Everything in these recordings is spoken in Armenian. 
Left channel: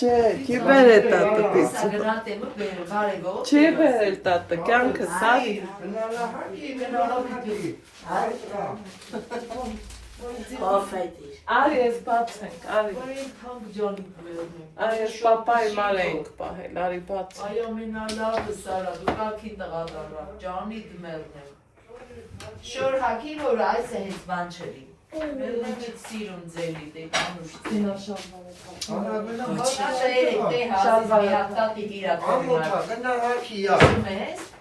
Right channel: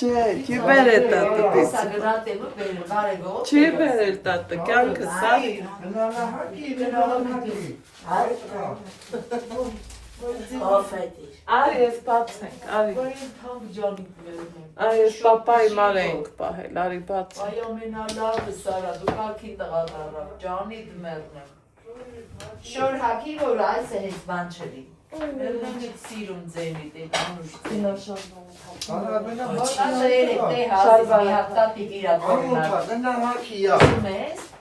Չի բերել տատը պիցը։ Չի բերել տատը, կյանքը սա։ Արի ես բացենք, արի։ Արի ես պապայի մար էինք պահել, արի բացենք։ Այո մենալավը սարա, դու կարգին տղադարա, ճանի դմերն եմ։ Շոր հակի որ այս է հեզ բան չրի։ Մերունքիտ սիրուն ձելի դե բանուշ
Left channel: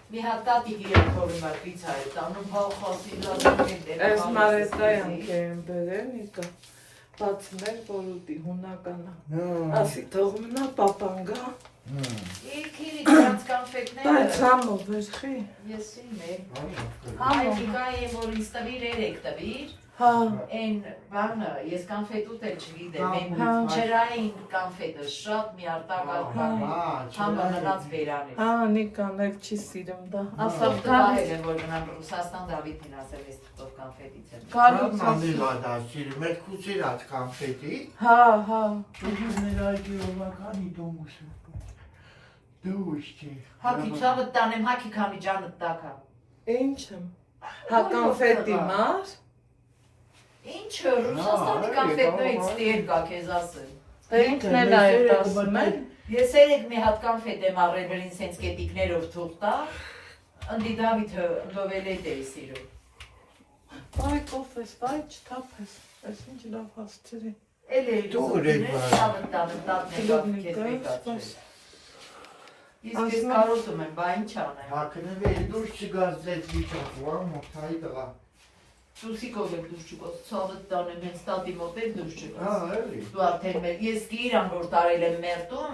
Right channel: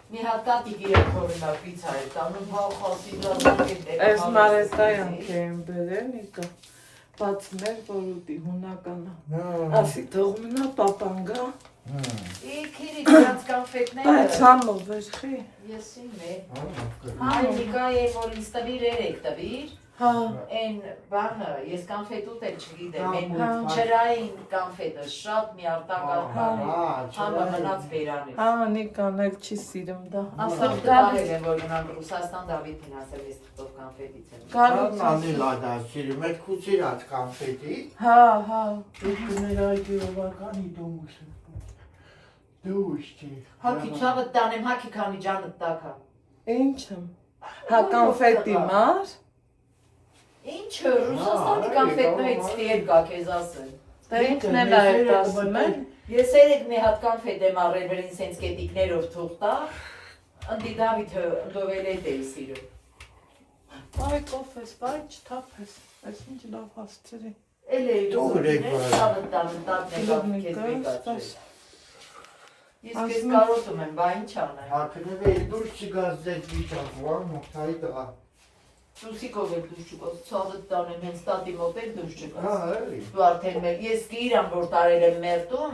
մի հատկատի գիրակորնա պիցա է տանում հողոսի Այս մարետայանք էին բերել նիկա, բացներ, որ ուտի հունականը, ասի թող մնա պապանգա, բայց համով վերխի, Նիկա է, որ ինձ տվիր երեք տվիր, Են բանը, ես կանֆետուտ էլ չգիտեմ, են ջրային կանֆետը շատ մի արտակալ համը մնաց բերանից նիկան էլ չի սիրում դա, ասավ դահել եմ, որ մնան Ռուսաստան Դավիթին ասել ես տով կանֆետից եմ Կանիլ ադա սիրում, էդ կուցիրած կանֆետի Ներայգերովականի դուշ չի Հակի ծավըտ տանեմ, հակի քանի ջանըտ տակա Ինչ եմ, հա կանֆետի մար Ինչը, Ռուսաստանի կանֆետներից տիեր կա կեզ ասել Ինքն էլ այդ ասում են Ես երեք մի հատ կանֆետ եմ առել վերին սենց կետիկներով թուղտա Ընդի Դավիթը դովել էդ էի սիրում Բայ կոֆես, բայ չթափես, այս ինչ լավ հասցրի Էլ էի դուղրիներ, սավըտ տանըտ տատնեկավ կեզ մեկացել Ես կեզ կարոտում եմ, բա ինչ անեմ Հակնև էլ դուշ չգազ ձետ վիճակ, որ մոթայի տղա Ճուսիկով եք դուշ չուկոս, ծավըտ տանեմ, հենց տատի մոտ եք դուշ չուկոս էլի Դու արդեն մեր, ես կիրան որ տարել եմ մերտում,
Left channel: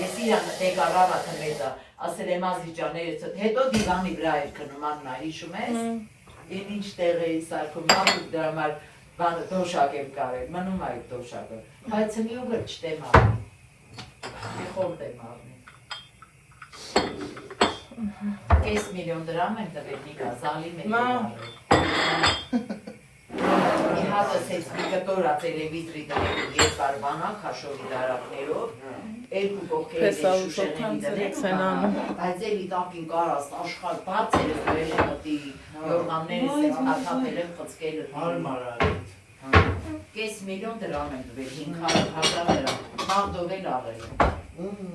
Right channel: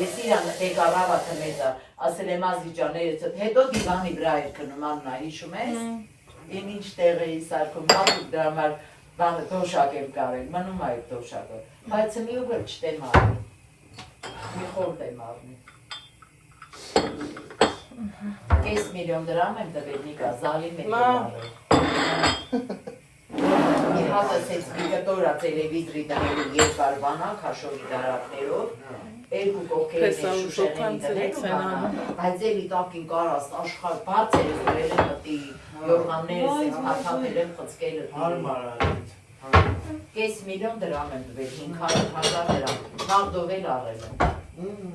ես իրան եկարավա թմետա, ասել եմ ազիճաներս, հետո դիվանի վրա էր կնում աննա, հիշում ես? Են ինչ տեղ էի սարկում, մարդուկ դրա համար բանը դոշակ եմ կարել, մնում այդ դոշակը, բայց մի ուղր չտեմ արի, մի խորդ եմ արնի Կես միլիոն դրամ եմ տվել նիկա, զալի մենք եմ արել Իր հատս հեծ միգտորա տելևիզրի դնելու երկար վանակ հաշովի դարակներով երկու կողքերի շուշեների դնելու բայց էլի տակին կարաս աշխար բարձերը գրել եմ մտի յորմաններս ես հատապել եմ խծկել Կես միլիոն դրամ եմ տվել 500,000 դրամ մաղդով էլ առել եմ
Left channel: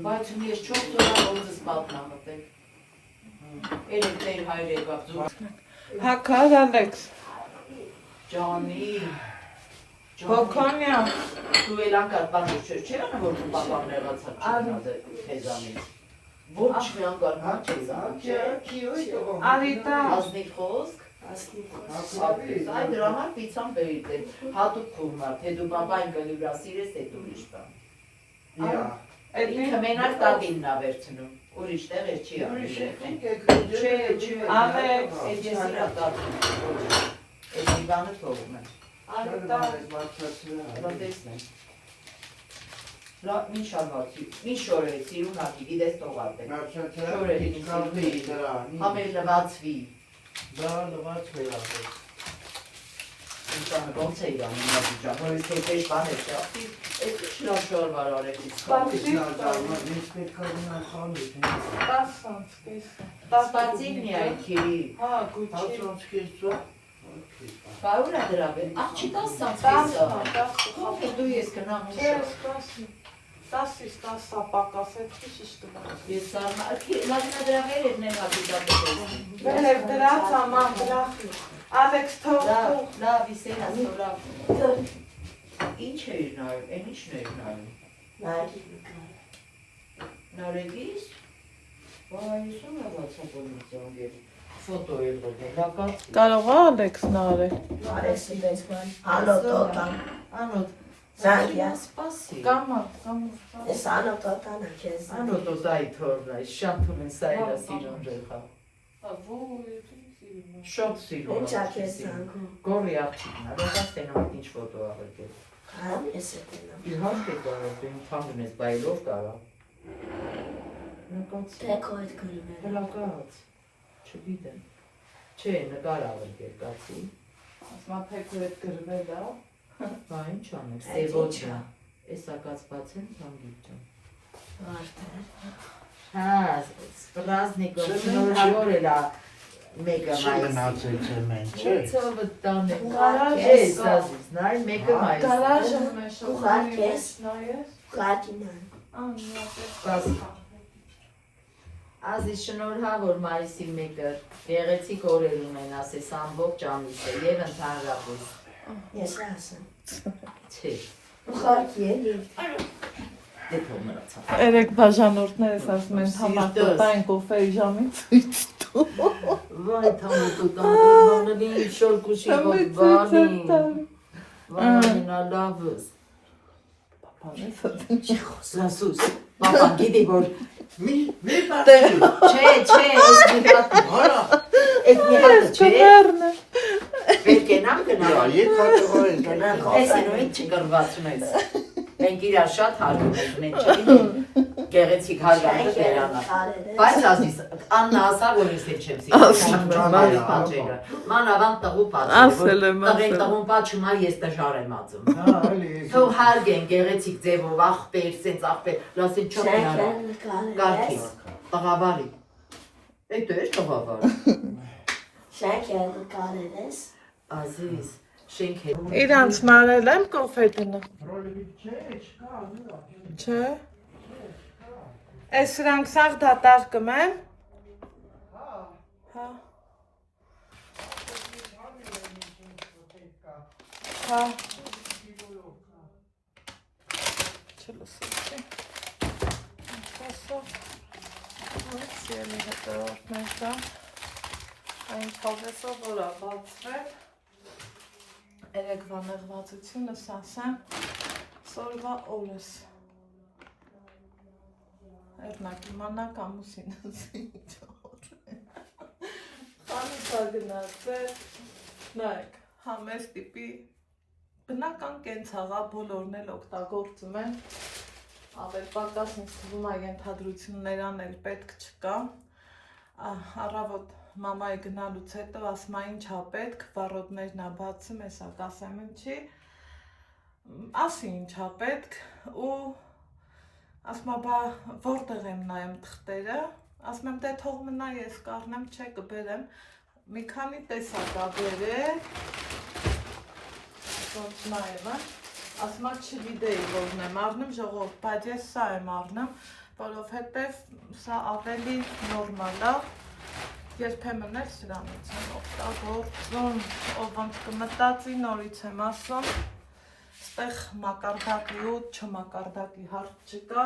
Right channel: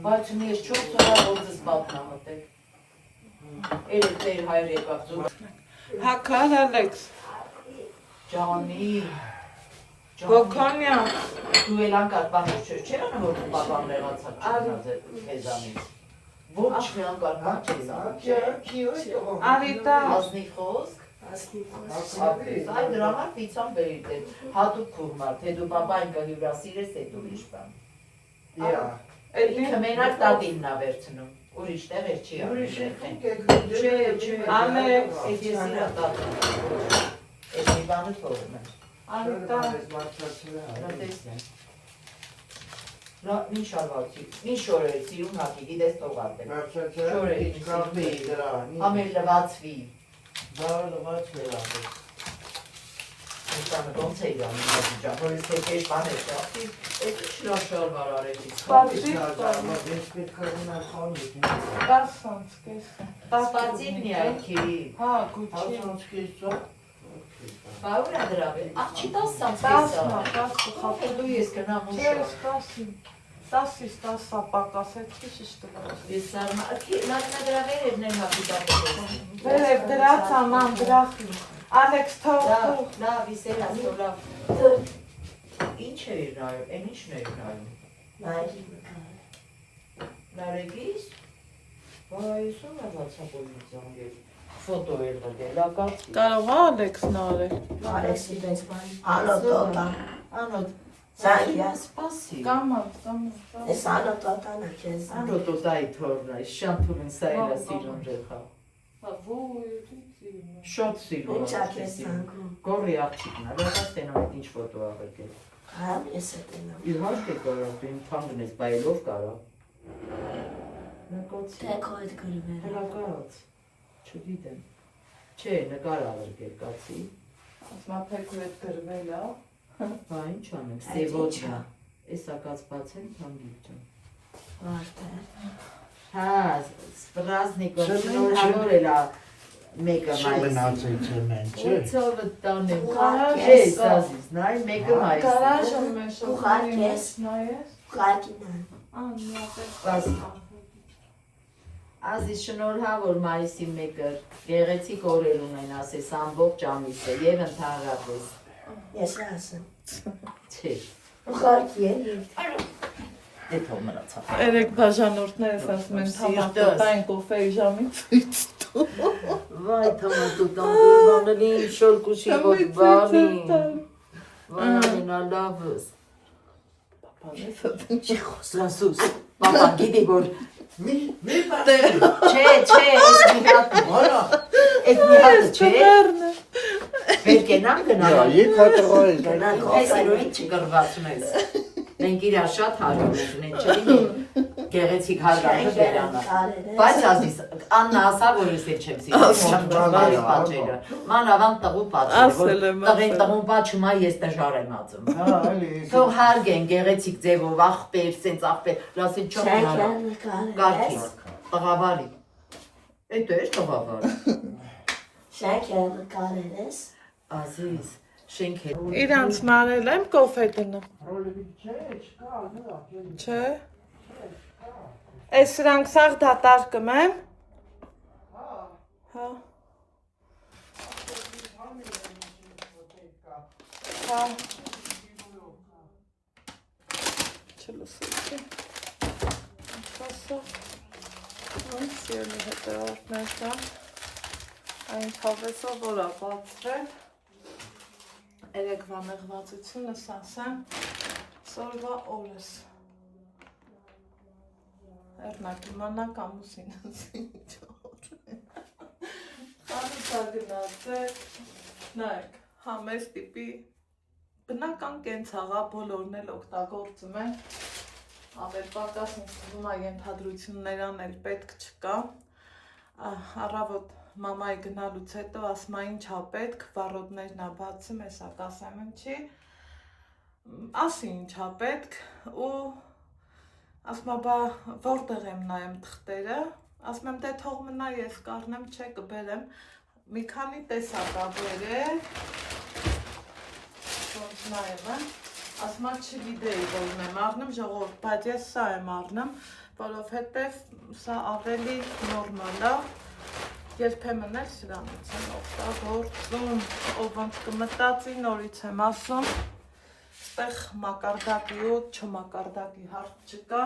բայց ունի ես 4 տորա որդս բատնամտել Էրեք դեր հայր եկավ ձուր Հակար Ալեքս Ջանի Բոքանյան Դու էլ անկար բանուր չէ անը որ դու պապան նեղացած չնազ է քեզանից Ոչ մի անկար բան չեզանից Արիտա Ազնիվ խոսք Այդ դրամար պիցան բերիտ եմ հատուկ կուրմար թե դու պապային կլյուրա սիրես է դու իշ բան Ինքը մենակ տատինն ա վերցնում Ուրիշ տեղ էր չի ապրել Չէ, Ալեքս Էդ ես իրա տատին Էդ մի բանը թողում եմ Արիտա Ռոտեսն եմ Ինչ շալվացի, ինչ շորերի սիրում հատի, գիտես տողատ եմ Շորերի սիրում Համել լվացվի Դա լվաց մելապել Ինչանը ոնց է իրան մնացի ճան, որ իսկ հետեշ բան է շապի, էդ ինչ լավ շարվար արեք իսկ Ես պետք է ունալ խամիք 10 կեսը Տասպարծին մի այդքերի Հա, գույչի 10 կեսը Բաուր է դրավել, աղ չի 10 կեսը Դու ես կնամ ու շար 10-ից 10-ա պակաս այդ քիչ շտկա Ես արմա, լավինա դրավեր էր նեն հապիտատը Վերև դրած աման դրախի Ալեքս թող Լավ, իսեր ասո լավ Ինչ է իր նայում, են ինչն է իր նայում Նարեգիս Բայց ում է վացապոլիցիան էր Ֆոտո էր դել, ակած Կարող է Ալեքսն արել Արեսի դες բան, անոտոտան, Անոտ, Զանգյա, սպասի Կամա ես անոտոտան է քեզ Անոտ օտայի թորնա, շամփուրին սայրա սիրուն ժեխա Շատ սիրուն Ինչ ա քեզ զանգում, Գորի աղջիկն, լողաս տենամիտ ինչ ֆոտո աղեկել համ ես է տենամ, Իհարկե կարող, դու ինձ հանգնես, բայելով կարող Նկացի թեքո էդ գրիներ, Հելա կարած, չգիտեմ Չէ, նկար աղեկել, կացի Ասմա թեքո էդ գրվել է Հա, ինչ անենք, սևոջա Էս ակած բացեմ, կամ գիրջում։ Վարդը։ Հա, սպրազնիկով շնորհավոր էլա մեկը մայիսի։ Մնացեք մեն, չէ։ Ոցովը տանեմ։ Ուղարկես։ Էս ազիզ, նայ մեկը մայիսի։ Գարաժը մեջ Ուղարկես։ նայես։ Կատինան։ Բաս։ Ազիզ շնորհավոր մայիսի մեկը, գեղեցիկ օրեր ունեն, ասես ամբողջ ամիսը եւ ընդհանրապես։ Ես ասեմ։ Չէ, Ուղարկի էլի։ դե թող մնացա։ Երեք բաժանորդներս ասում են համակտային կոֆեի ժամին ցույց տու։ Վայ թամատուտան գուրբաների շորկուշի ոտ բանի։ Վայ ամենալավս։ Սասուս, պապան գիտի որ Մի բացի։ Չէ, ես մի հատ Որա։ Էս մի հատը չէ, պետք է նամ գնալ։ Եթ հատողային։ Այս իրոյին չկրվածում ես։ Մենք իրար շատ հարում ենք, մենք չլինի գեղեցիկ հարգանքը դերանա։ Բայց ազիս, Աննա ասա, որ ես էլ չեմ սիրում պատճերը։ Մանավանդ տղու պատճերը, որ տղեն տղուն պատճում է, ես տժար եմ ածում։ Հա, էլի։ Թող հարգեն գեղեցիկ ձևով, աղբեր, սենց աղբեր, լասել չոք նարա։ Գարքի, տղավարի։ Էտո ես տղավարի։ Շենքերը կարել ես։ Ազիս, շենք է։ Իրանց մանել եմ կոֆե դնը։ Չէ։ Այս սրանք սաղ դատարկում են։ Հա։ Հա։ Չլսում չէ։ Ինչ սիրելի հետևորդներ կա։ Այն թավեսով որ է բացվել։ Երեկվա նեղվածությունս ասեմ, սորվա օրս։ Էրնակ իմանակ ամուսինս ինչոտ։ Խանութա գնացել, նայք, համես տիպի, բնական կենցաղա բոլորն էլ օգտագործում են, ավել պակաս ինձ թվում է ենթադրություններան էլ պետք չկա, առավոտ մամայի գնալուց հետո ասում է ինչա պետք, վառոդներն ա բացում, հեսա կասեմ ինչի, ասի ինչա պետք ու ասում է բա որտեղ եմ նայեմ թղթերը, ասում եմ դե թող մնա ես կառնեմ, չէ կբերեմ, մի քանի տեսակ ա բերել, ոչ նայեմ, ասում է չգիտեի որն եմ առնում, ժողովուրդ, բայց ես սա եմ առնում, որովհետև սա ավելի նորմալ ա, երբեմն էլ սրանից եմ օգտագործում, ով ոնց կմտածի նորից եմ ասում, ստեղ մակարդակի ու չմակարդակի հարց չկա,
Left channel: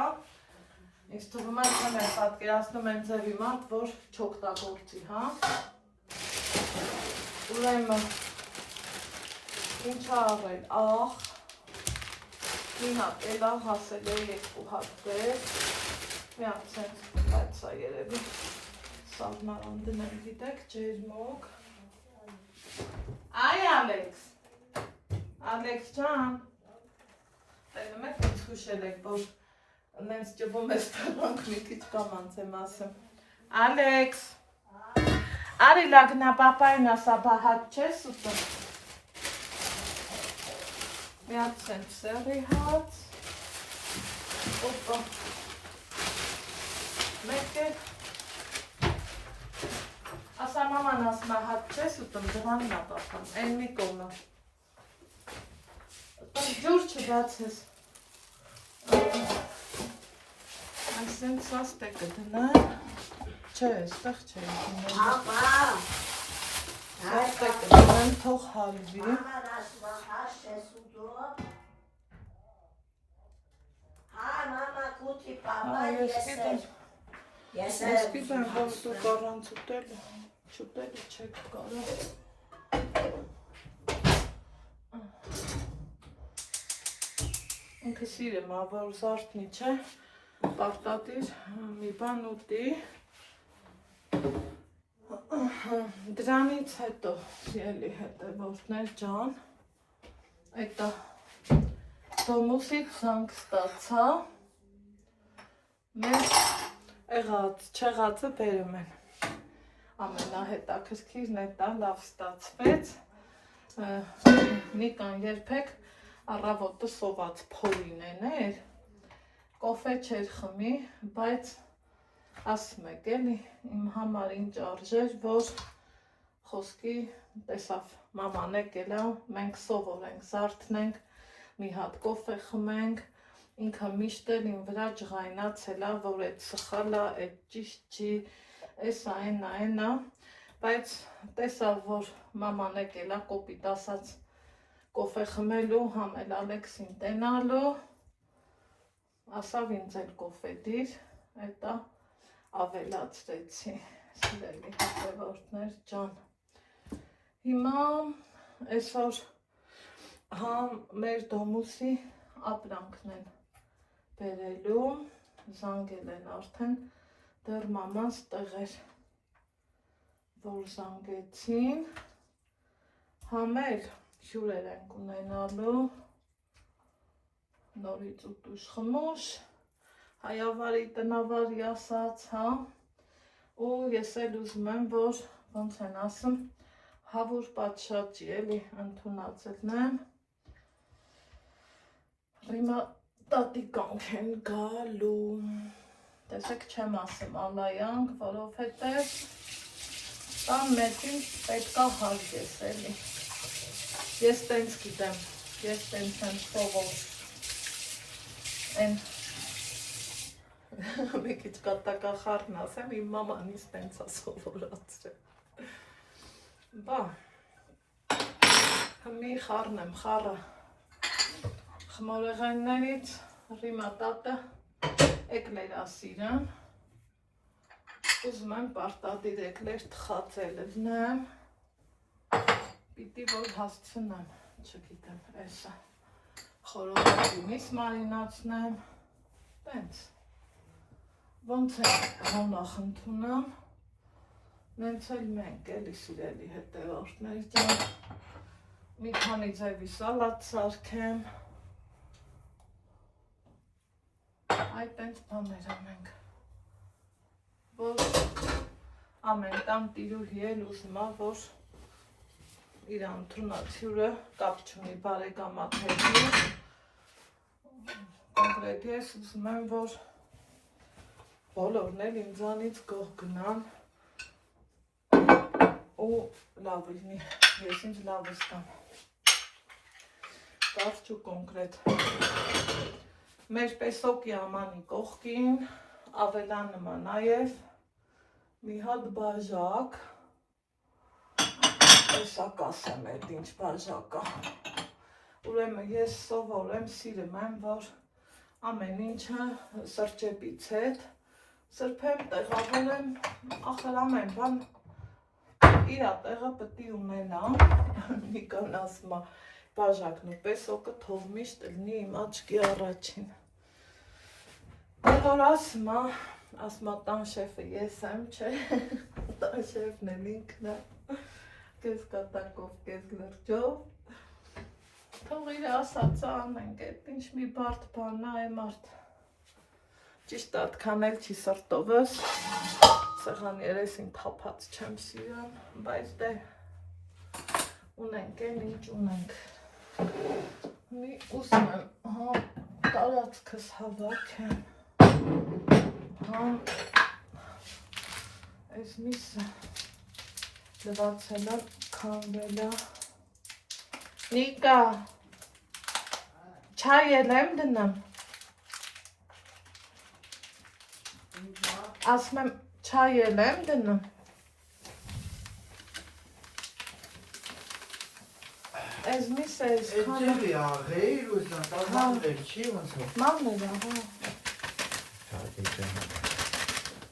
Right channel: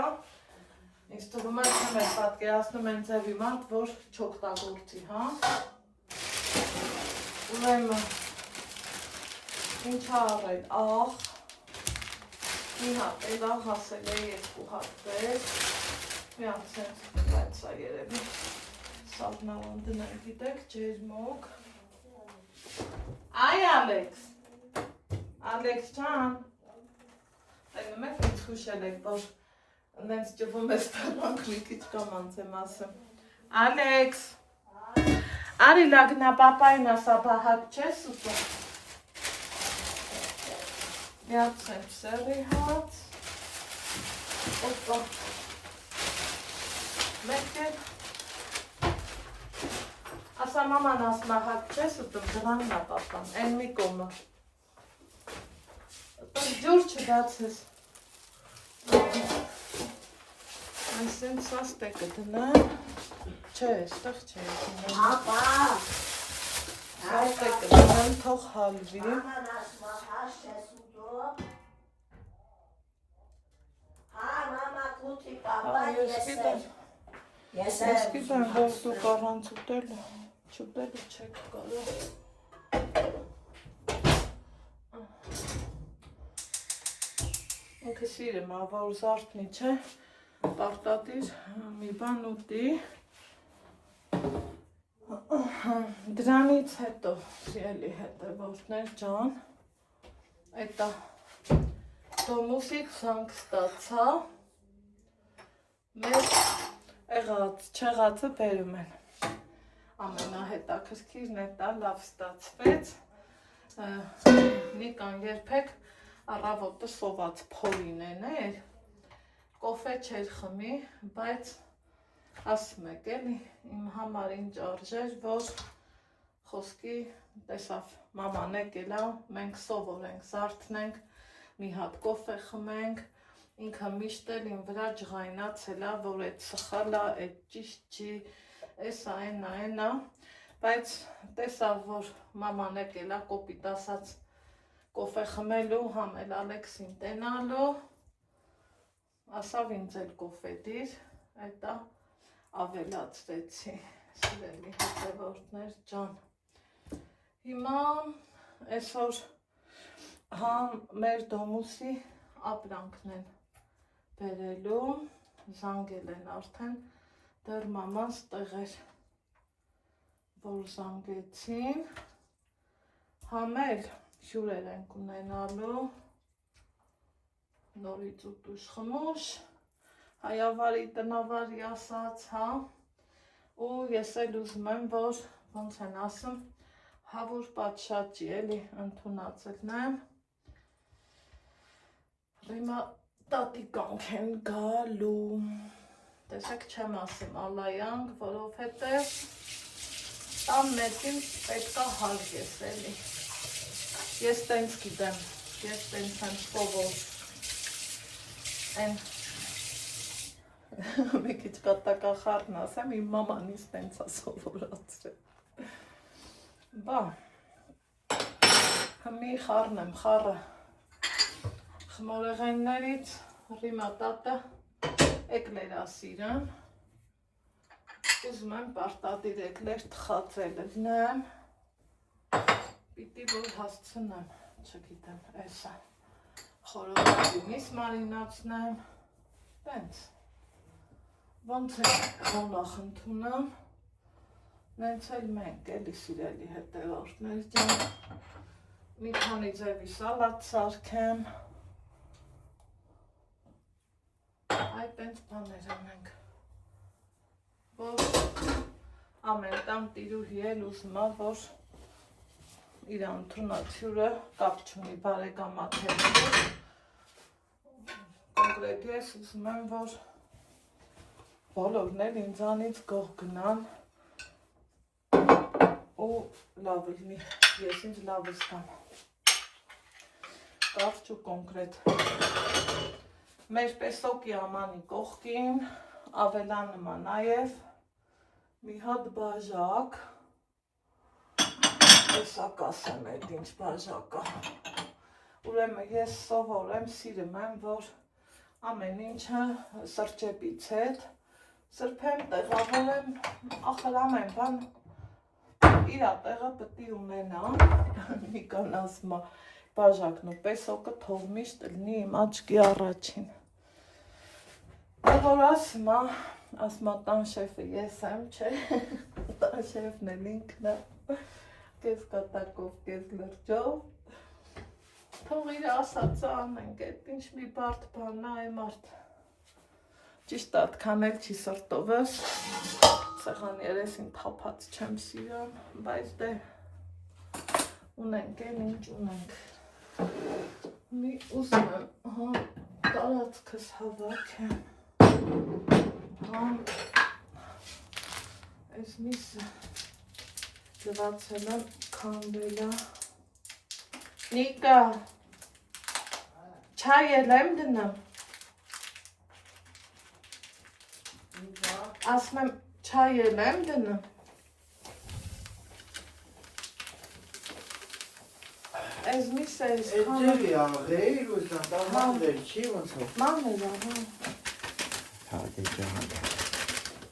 ինձ թվում է չեմ էլ պատկերացնում են ձևի մարդ, որ չօգտագործի, հա, ուրեմն, ինչա առել, աղ, մի հատ էլա հասել է երկու հատ դես, մի հատ սենց, բայց սա երևի, սալնարան դնեմ գիտեք, ջերմոք, այ Ալեքս ջան, տենում եք ինձ խուշել եք, որ նենց ճվում ես տրանք մի քիչ կամանց եմ ասում, Ալեքս, արի լագնա պապային ասա բահատ չես ուտում, մի հատ սենց սերի հաց, օպա, մեկ էլ, ասա մաման ասմա հատ չես ուտում, դղանն ա պապան, են մի կոմը, ջուր չբացես, այսինք սա ստեկը դնեմ, չէ, ստեղ չէ դնեմ, սա ստեկը դնեմ, թող հալվի, ես պիտեմ, որ դուք առանց ուտելու չեք կարող, ինքը սիրեմ, որ զարդնի չէ, պարտադիր մի բան ուտի, դրանից հետո, սիրելի հետևորդներ ջան, էտա Տոմուսից զանգ ստացա, մեր եղած, չեղածը բերում են, ամենահետաքրքիրն էտա լավ ստացվեց, Նիկան երբեք Առավոտը սոված փորինեն էր, կոֆե չէր խմի, բայց ասում եք էլի, իմ համար ինչ արժեր, որ խոսքի տեսավ մաման եկել ա, մենք սովորենք, զարթնենք, մի հատ կոֆե խմենք, ինքը միշտ էլ իմ վրա ջղայնացել ա, որ այդ սխալ ա, այդ ճիշտ չի, էսա այնա, բայց տեսավ, որ մաման եկել ա, կոպիտ ասած կոֆե խմելու, համ էլ Ալեքսին տենալու, ասավ ինձ էլ կոֆե դիր, այդա ավելացրեցի, սիրելի հետևորդներ ջան։ Հիմա այսօր համ մեր դոմուսի ապրանքն են բերելու, զանգել են արդեն, դեռ մաման ստեղ էր, որ զանգեցին, համ էլ հյուրեր ենք ունենալու, նորից ուտուշ խմուշ, հայավարի տնավարի ասած, հա, ու ես էլ ուզում եմ, որ ոնց են ասում, հավուր պատշաճի էլի ընդունացելն եմ, հիմա տատիկանք են գալու, տեսեք չեմ ասում ալայանք, որովհետև տան մեկին պետքա հարգես էլի, ես տենց գիտեմ, ես տենց եմ սովոր, են մի քիչ կատակախառն ասեմ, իմ մաման ինձ տենց ա սովորացրել, բա, մի խառն եմ, խառը, խմորեղեններից, ռիմա տատը, էկլեր ա սիրեմ, ուզում եմ պարտադիր էկլեր թխածել լնեմ, պիտի որ հասցնեմ, չգիտեմ, էսա, խորովածի միս մարինացնեմ, տենց, ոնց է հոնախ ընդունամ, նենց էլ մենք էլի սիրելի հետևորդներ ջան, մի քանի ձևի սալատ սարքեմ, այդ տենց բաներ ենք, որ ամեն տան տիրուհի էլ ուզում ա, որ իր ընդունած հյուրը կապ չունի բարեկամաթերի, կոնկրետ ես ուզում եմ, որ բոլորն էլ ինձանից գող գնան ու լավ լինի, ես ինձ լավ ստամ, կարճ ու կոնկրետ, մեր պեսոկի ամանի կողքին ավելանում ա նաև մի հատ բաժակ, Եսա կասեմ էդ ինչ բաժակա, ուրեմն ես սովոր եմ, սիրում եմ, որ ամեն ինչը սրճեպից հետ, սրբեմ, տեղավորեմ, ախր ամեն բան իրա տեղը պտի ունենա, մի կան ասում ա բաժակն ու պեսոկը թող միշտ լինի իմ աչքի առաջին, որ ասում ա տան շեֆը ես եմ, չէ, տան շեֆն էլ ինքն է, կես կատակով, կես լրջով, թող իր ասածը անենք, այդ ինչ մի բարդ բան է մարդ, ճիշտ ատքան էլ չի սրտովս, սեղան երեսին թափած չեմ սիրում, բայց դե ունենք են ինչ ունենք, մի ուզում եմ, տարածքս հավաքեմ, այս միսը լվացել եմ, քանդել է, Նիկա, չայ էլ եմ դնեմ, ասում եմ չայ էլ եմ դնում, այս միսը ես քանը, Էջելի աղեիր ու զանդան մաններ չի ոնց է։ մաններ է, Հա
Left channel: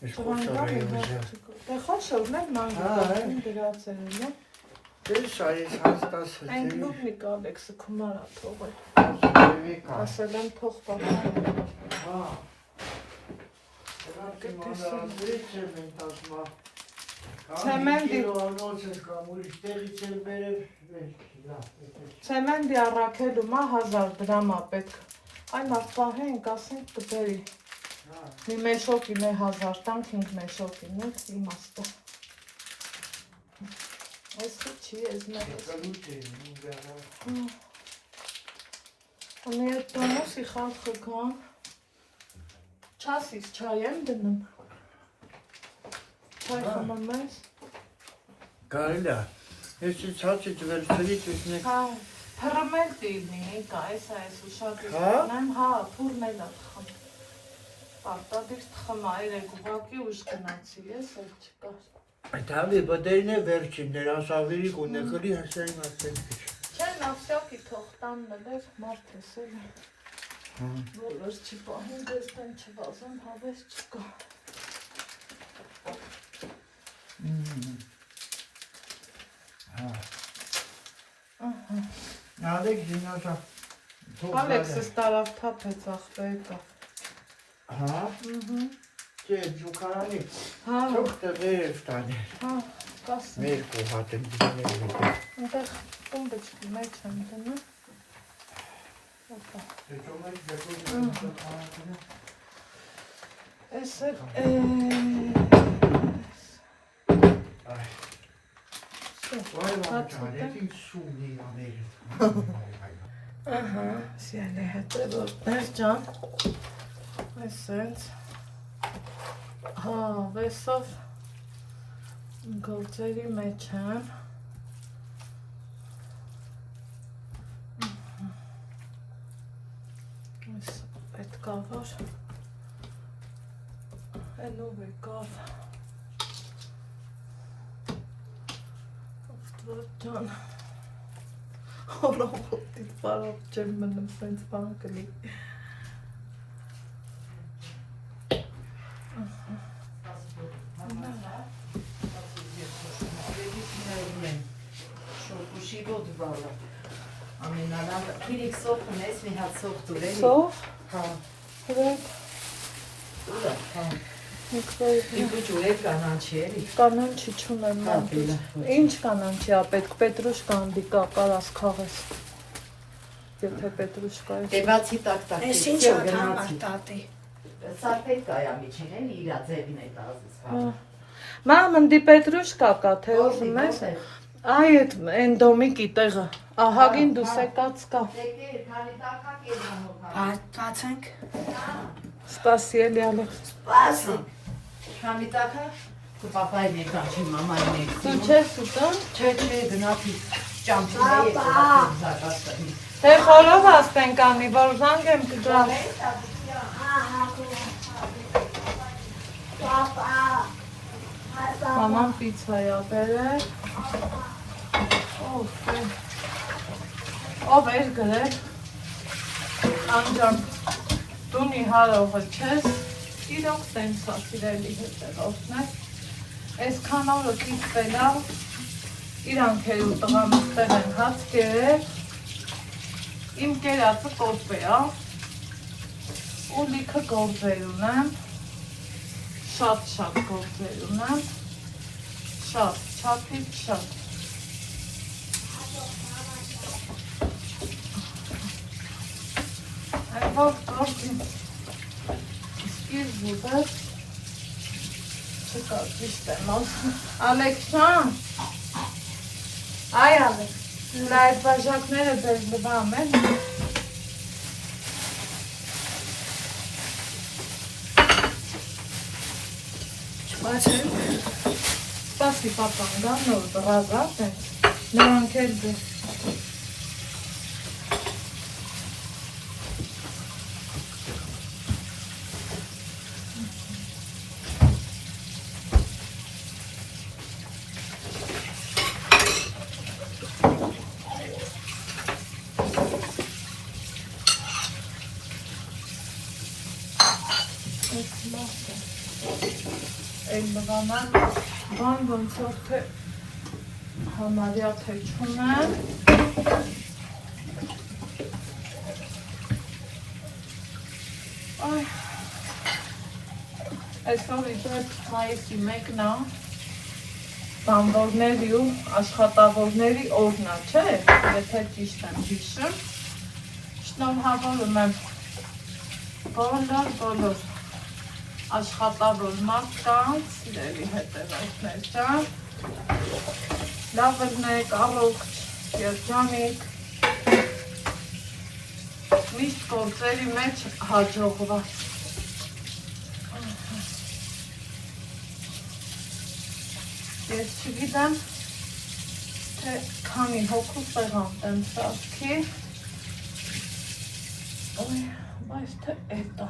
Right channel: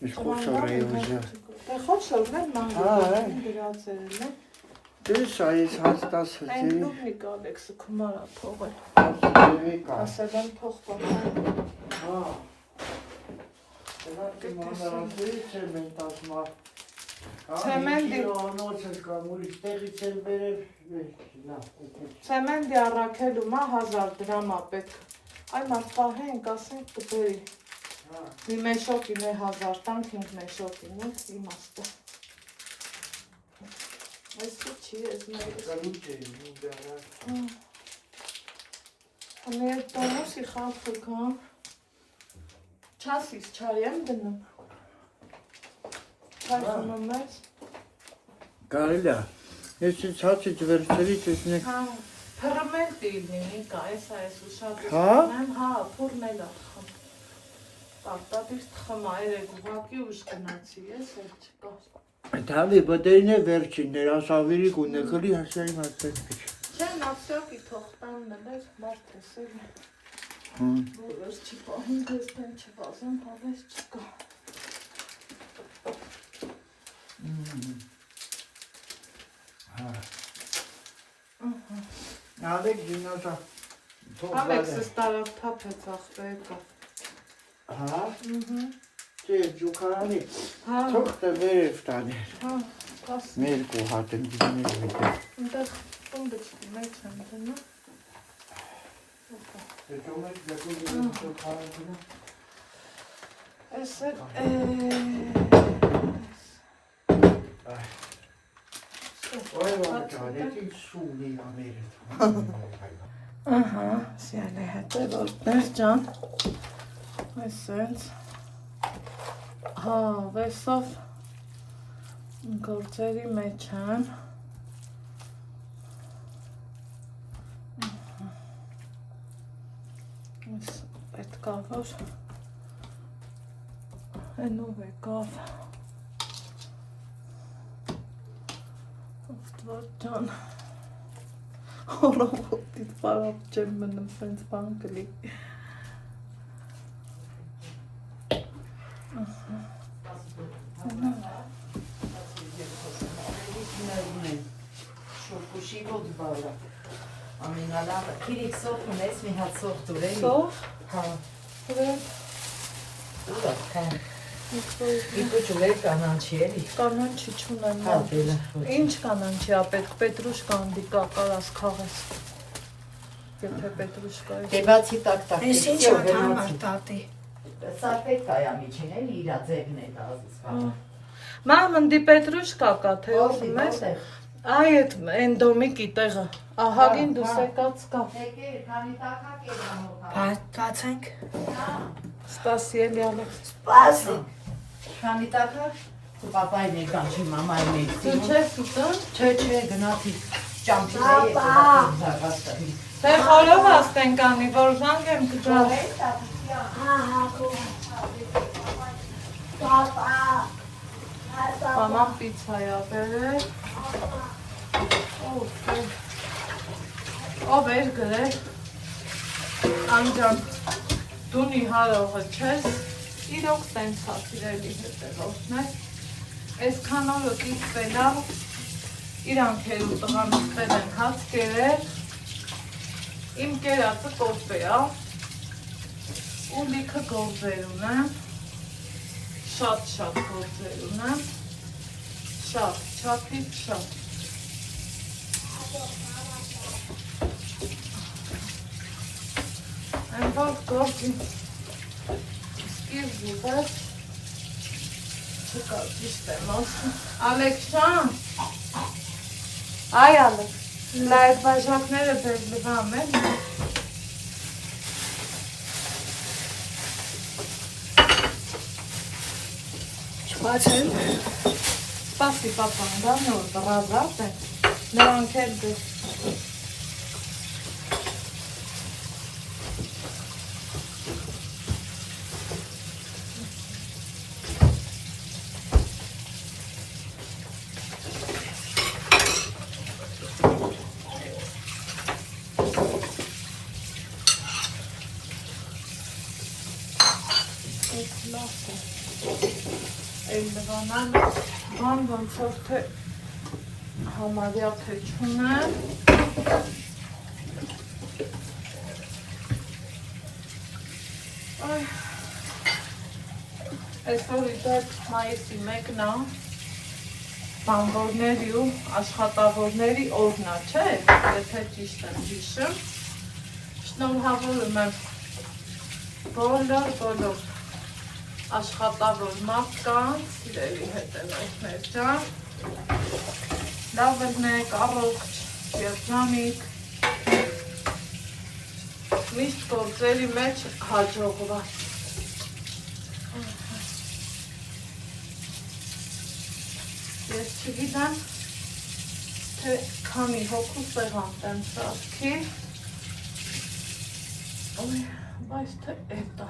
Իսկ խոշոր է ուժը։ Դե խոշորն էլ մաններ գրացել է, Դες այս հասկացել Այն լուպնիկ Ալեքսը քմարա թողել, Եվիկա։ ասել եմ թող պատահել, Հա Դրանք մանրազրից եմ են տասմա Ցեմենտի Նոցս կամ ուրիշ տեղից էլ բերել Ցեմենտի առաքելում է 1000 դրամ է պետք, այ մարդ պահենք ասենք կբերի, մի մեշոկին է 1000 տանք 5 մեշոկին է, իմաստը Այսը չի, ես մերես Они это носи խախկան։ Չասից չայ եմ դնում։ Չայ խմում ես։ Կարելի է։ Ես ցածից վերցրից ուսնեք։ Հա, փռմենտիվնի, կա, այս ուշադրություն Հա? եմ, հա, փռմելա թխմ։ Պարտադիր թխմա, երեք ուղակի ուշ գնացի, ես էլ չկար։ Դալի բդեյնը վերջին ներասավիրի կունեկրի հասայի մասպես։ Չէ, նավսյակի թողտան մլեր, մարդ էսել է։ Բոլոր չի պահին, դες տեն չվազում, հավես չկա։ Ալեք զինոզա։ Ալեքսս տարավ թափեց աղբեկա։ Հա։ Չէ, ջուքարանի։ Հա, Թողտը վերև տանի։ հա, կաս։ Ներկու հատ են դիներ։ Ընտեղ տոնդը չկի, մեջ եմ դնում։ Հետո մեջ դեպի ջուքարանը։ Ես էլ Այո, սունի աներ։ Ահա, սիալի հետը որտեղ ջան։ Այսենց։ Հա, վեսով գործերի մեջ են։ Այս պետքա որ այնով եկավ։ Աստված ջան։ Հորովոտի պարապ չեմ մնում սենց բան կլի։ Շոկուշի ոտ բավրա։ Ամենալավ, քիրիք սոխ ունես, մի հատ սոխ դուր էլի։ Սող։ Հա, Վրետ։ ուրա, կան։ Եկվայիտ։ Իպու ջուրեր կանանչի էլի։ Կանանչի չունեմ։ Հա, բելա։ Ինչ կանանչի ա պետք, պետրուշկա անդի կա, կարաս քաղես։ Եթե պետրուշկա է։ Դեվացի տակ-տակ։ Ես ինչ ատամար տատի։ Սա պետք է ամիջին էլի, իրա ձերն է տազից վարը։ Մամ, նդի պետրուշկա կա, թե ուզում ես։ Այ էդ են դոմիկի տեղը։ Ահագին դուս եկած կա։ Եկեր, քանի տակակ էր համոհա։ Բացենք։ Սպասի էլի ալը։ Սպասի։ Քանի տակակ, քո պապային էր կանչի մամային էր։ Դու չես ուտան։ Չէ, գնացի ճամփուների հետ զարգացնի։ Թե խորով ասպենք անի, որ զանգ եմ կջալ։ Պապա։ Մաման պիցա ա բերել։ Ով էր գրել։ Անջան, դունի հարողը չես, իրոք սենց ա սիրելի հետևորդն է։ Այսքան օրը կիցվել ա, իրանք էր ու տղան ուտել են հաց կերել, իմ կերածը կորպե ա, ու լիքը գործեր ունեմ, շատ գործեր ունեմ, շատ, չափից շատ։ Այնվար գործի սկիզբուբետ չկա ճիշտ եմ ասում։ Ալեքսան, այ Ալեքս, լա այդ բաժակները ձեր լվամ են։ Չբացենք։ Սպասի պապան, դա նոր բրազատ են, նրանք էլ դե։ Էլ լվանալ, բան ոնց որ թե համարյա թե չունեն։ Այսօր իդեպ մայիսի 1-ն է, բանվորների ու աշխատավորների օրն է, չէ, եթե ճիշտ եմ հիշում։ Շնորհավորում եմ բոլոր աշխատավոր մարդկանց, սիրելի հետևորդներ ջան, լավ եղնեք, առողջ, երջանիկ, Միշտ գործերի մեջ հաջողված։ Ես չգիտեմ, թե քանի հոգու սեղան տեմ սարքի, բայց թե էտա։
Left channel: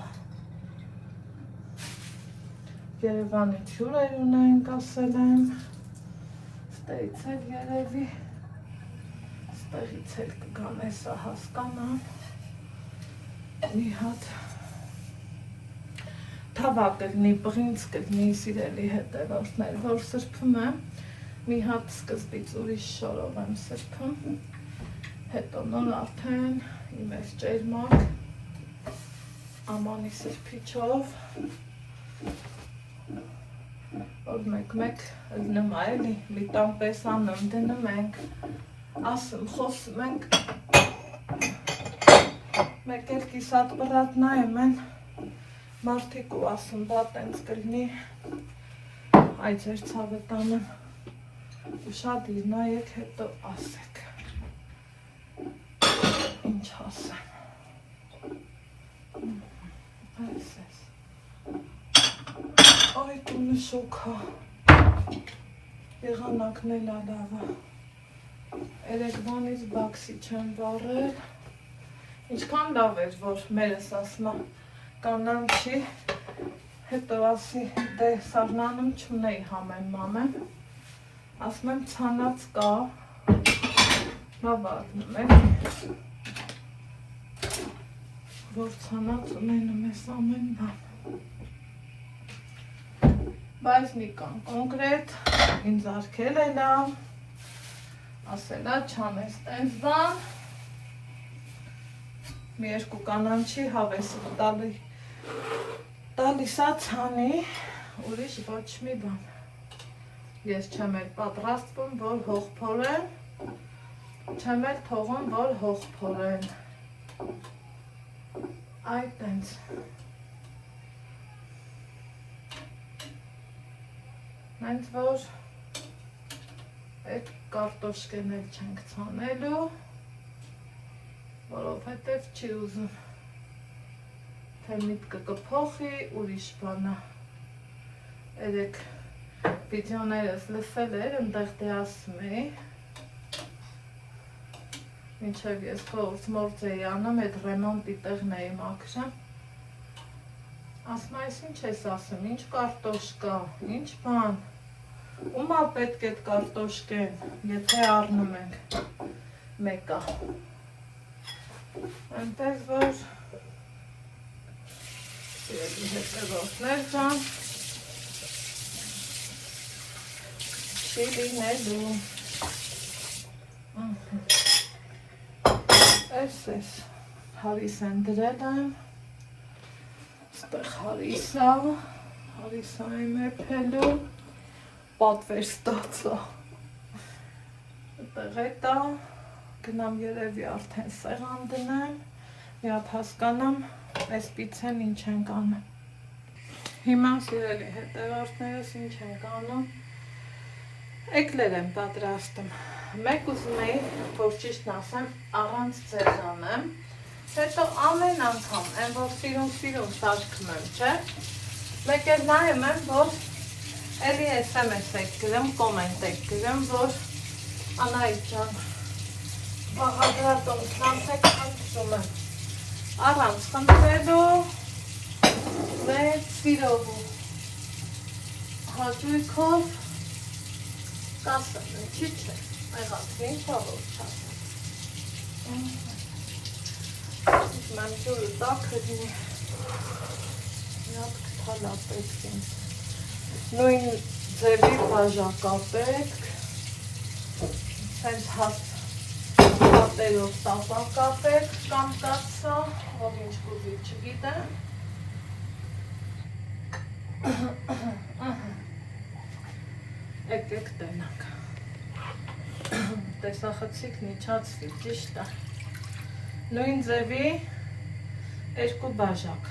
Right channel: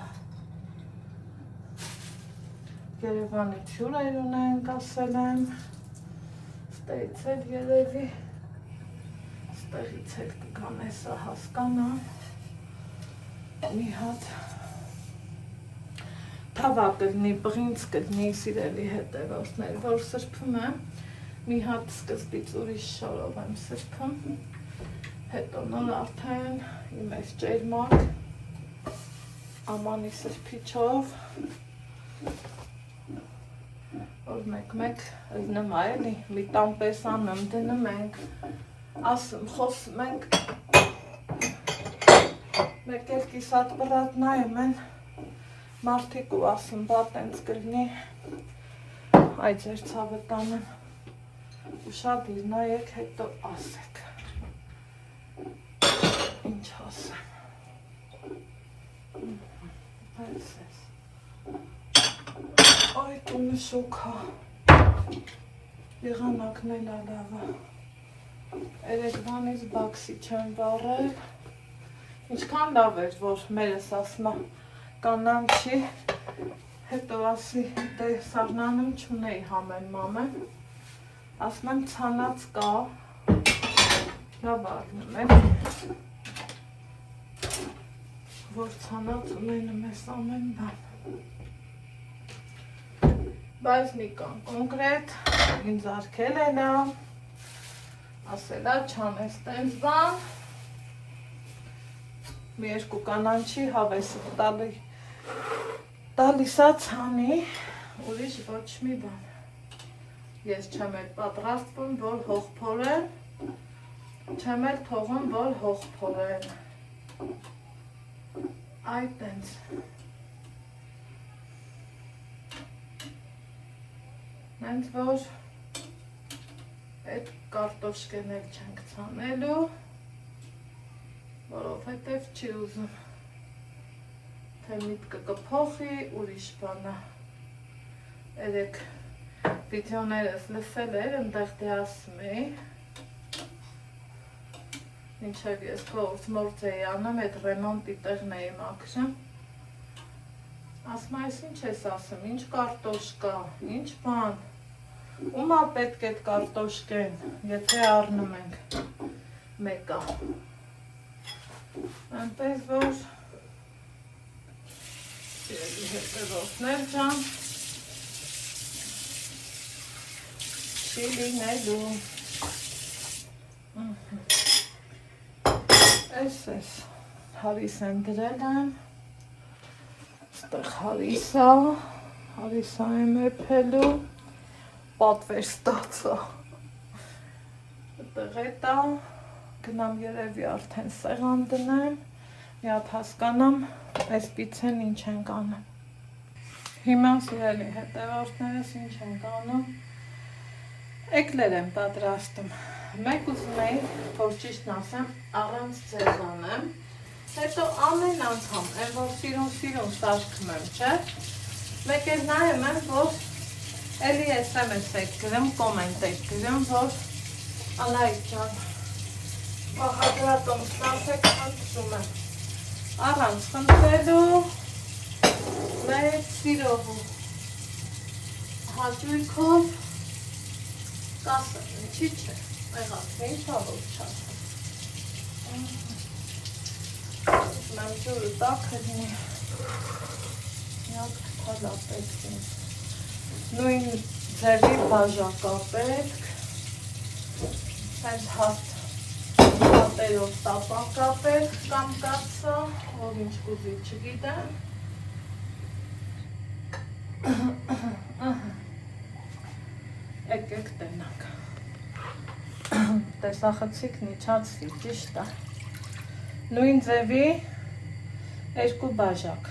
Երևանի ջուրեր ունենք, ասել եմ, ստեղից էլ երևի, ստեղից էլ կգան էսա հասկանամ, մի հատ թավա կգնի, բղինց կգնի սիրելի հետևորդներ, որ սրբում եմ, մի հատ սկզբից ուրիշ շորով եմ սրբում, հետո նոր արդեն իմ այս ջերմակ, ամանի սրբիչով, որ մեկ դնում էլի, մի տան պես անում դնում ենք, ասում, խոսում ենք, մեկ էլ կիսատ բրատ նայում են, մարդիկ ու ասում, բա տենց կլնի, այ ձեր ցավը տանեմ, ու շատ իր նայեք, հետո ասեք, ինչ ասեմ, պես ես, այ տունը շոքա, եղանակն էլ ալավա, երեկվանից բաքսի չեմ վարել, ինչքան լավ էր, որ մերս ասմա կանանչի, հետո ասի, դե սարնանում չունեի համեն մամեն, ասում եմ ցանած կա, լավ ակնում է, որ ցանած ունենում ես ամեն բան, բայց մի կան կոնկրետ, ինձ արկել էլա, ասելա չանես տենց բան, մի երկու կանանչի հավեսի տալիսա ցանի, ուրիշ ոչ մի բան, ես չեմ էլ պատրաստվում, որ հող փորեմ, չեմ էլ թողում, որ հող փորեմ, այ տենց, նենց որ այդ կարտոշկեն էլ չենք ցանելու, որովհետև չի ուզում, թե միտքը կփոխի, ուրիշ բանա, երեք վիդեոներս լսել էր, ընդեղ դե ասում էի, մինչև ես փորձ էի անում, այդ ռեմոնտի տեղն էի մաքրում, ասում այս ինչ ես ասում, ինչ կարտոշկա, ինչ բան, ումա պետք է կարտոշկեն, եթե առնում ենք մեկա, այնպես որ սիրելի հետևորդներ ջան, լինելու, այս հարիս են դրել եմ, ստեղ հարիսա եմ էպելու, պատվեր ստացա, այդտեղ էտա, գնամ երևի արդեն սեղան դնեմ, մի հատ հասկանամ, այսպիցեն ինչ ենք անում, հիմա սիրելի հետևորդներս ինչ ենք անում, էկլեր եմ պատրաստում, մեկ ուզում էի, որ ճիշտն ասեմ, առանց ձեզանեմ, հետո ամեն անգամ, այն որ սիրուն սարքում եմ, չէ, մեկ էլ նայում եմ, որ էլի SMS եք գրում, կոմենտ եք գրում, որ Անահիտ ջան, հադրատոն սպանսեք խնդրում եմ, առանց խնդրելու, մեծ սիրով ու հաճույքով, կասեմ, ինչի չէ, այղակ, ինչ հավով չասեմ։ Մեմ ջուրը տակ հրնի, միատ կթալա պետք ինձ, նույն ձևի բաժակա պետք, հենց հաստ պատերով տապակա պետք կամ կացա, ով ինչ կուզի չգիտեմ, եկեք տնանք, տեսախցիկ միջացվի, ճիշտ է, նույն ձևի երկու բաժակ,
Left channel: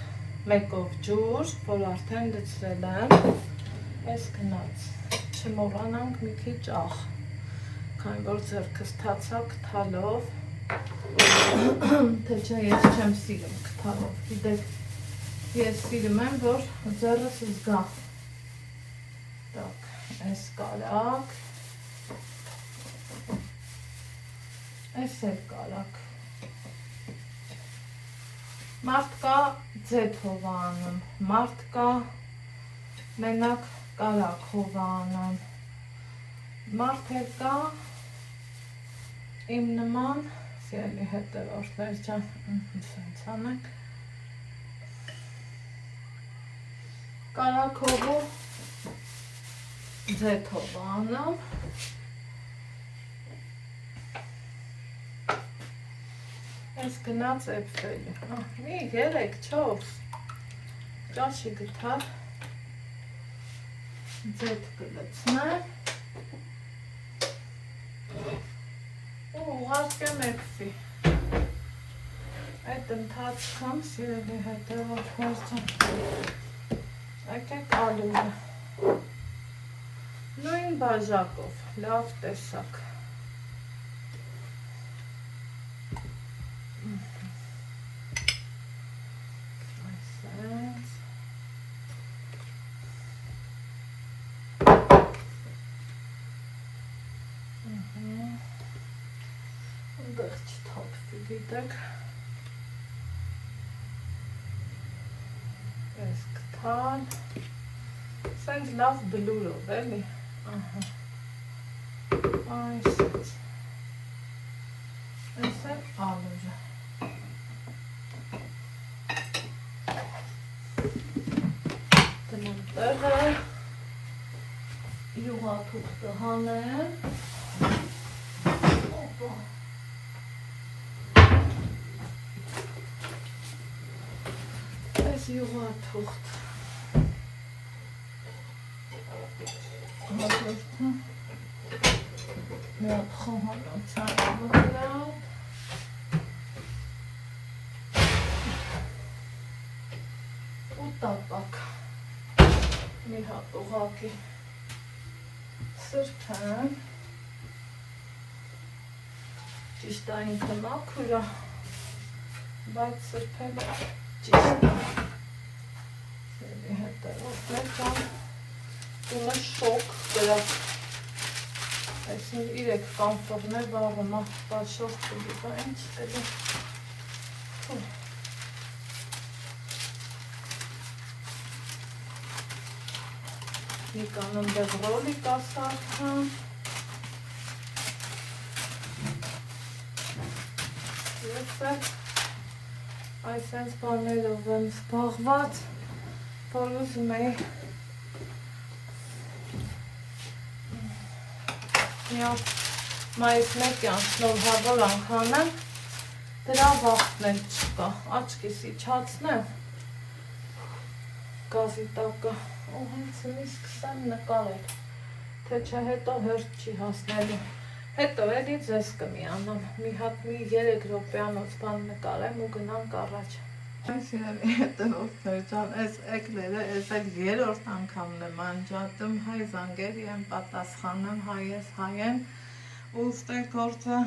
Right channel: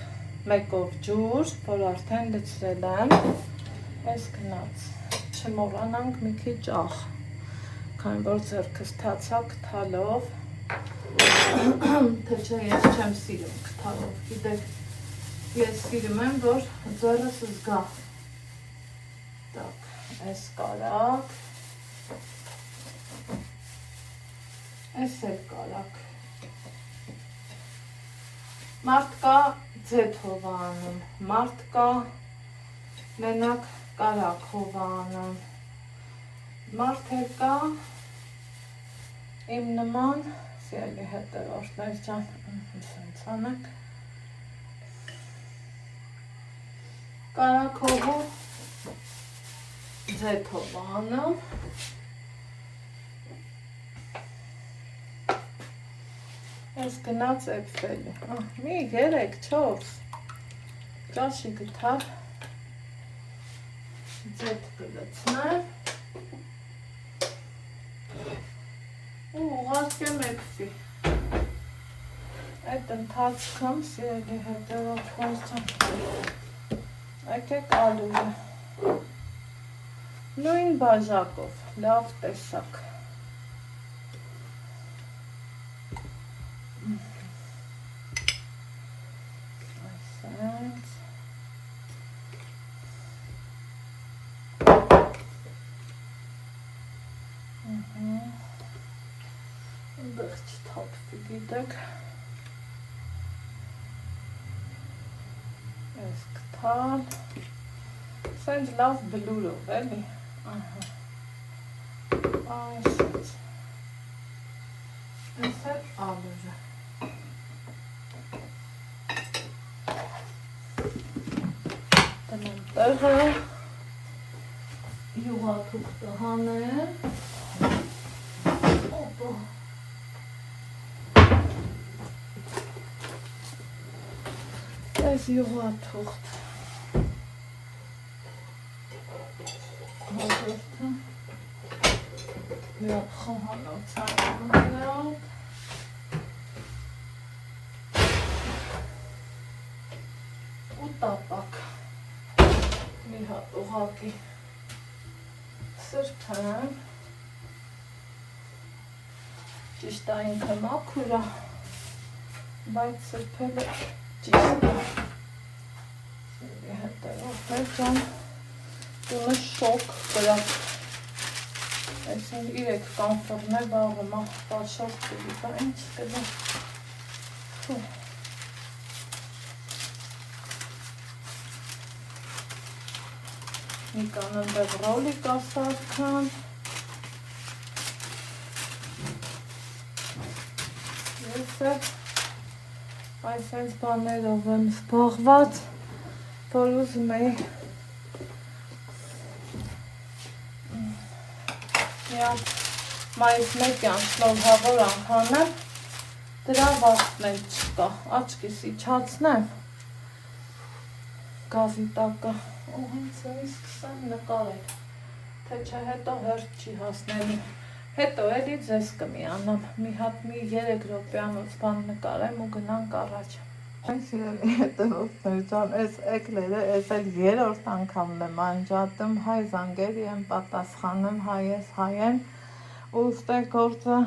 մեկով ջուր, որ արդեն լցրել եմ, այս գնաց, չմոռանանք մի քիչ աղ, քանի որ ձեռքս թացակ թալով, Թե չէ ես չեմ սիրում կթալով, գիտեք, ես սիրում եմ, որ ձեռս զգա։ Так, այս կարակ, այս էլ կարակ։ Մարդ կա ձեթ հովանում, մարդ կա մենակ կարակ հովանում, մարդ էլ կա իմ նման, սիրելի հետևորդներ ջան, սենց անենք, կարակ հովում, ձեթ հովանում, այս գնաց էպսելի, մի 3-4 ճաշի գտար, ձեթ կլցնեմ, ու ուղարկեմ էպսի, այդ ընթացքում սիրելի հետևորդներ ջան, եկեք ալուղը, նույն բաժակով, լավ տեսակ, դիտեք, ես կթան, սենց լավ բլուրով, էլի, այսենց, այս է ալուժը, տնեմ տեղը, յուղաթուղթը հանեմ, օպա, այս յուղաթուղթ հաջորդը միակ խոհանոց հայալու վրա ու տապակ մի հատ ուղղակի սրբեմ ճիշտ է ինքը մաքուր է, բայց սրբելը ճիշտ է հետևորդներ ջան տունը շոկ կրած այսին 3 կանտորներ բաղը մաղթար շոկ կրի բա ինչ կրի մի կանն դեղ ռոլիկ ասարդան ես է այսենց բաներով եմ զբաղված որ ուզում էի մայիս 1-յան շնորհավոր անգամ դրա վախտն էլ չկա, աչքիս իջացնեմ գազի տակը ու հենց սկսեմ նկարել, թե չէ հետո հերթ չի հասնելու, հետո էլի ձեզ կմիանամ, մի հատ մի 3 րոպեանոց բան նկարեմ ու գնանք առաջ Սիրելի հետևորդներ ջան, այս էկլերը, այս էլ 3-րդ անգամն եմ անջատում, հայ զանգերի եմ պատասխանում, հայ ես հայ են, ուստե գործը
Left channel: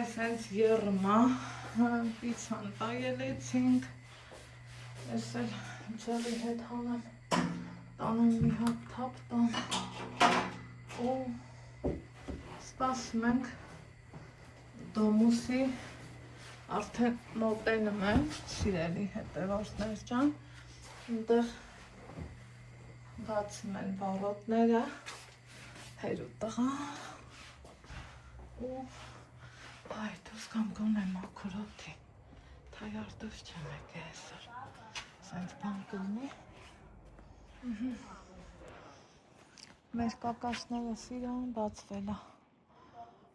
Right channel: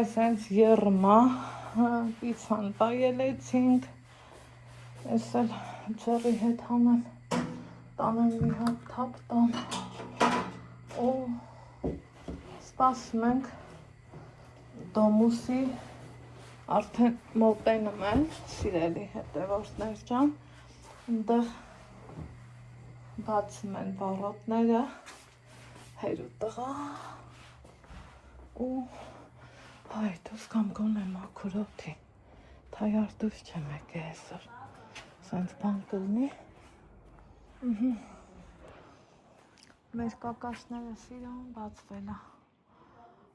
այսենց եռմա, պիցան պայելեցինք, ես էլ ձողի հետ համեմ, տանեմ մի հատ թապ տան, ու սպասում ենք դոմուսի արդեն մոտենում են, սիրելի հետևորդներ ջան, այնտեղ բացում են բաղոտները, հերու տղա, ու բայդուս կամ գոնե մաքուրոթի, թայարդուս չեմ եկել այսօր, սենց բան կլնի, մեր կակաշները սիրոն բացվել է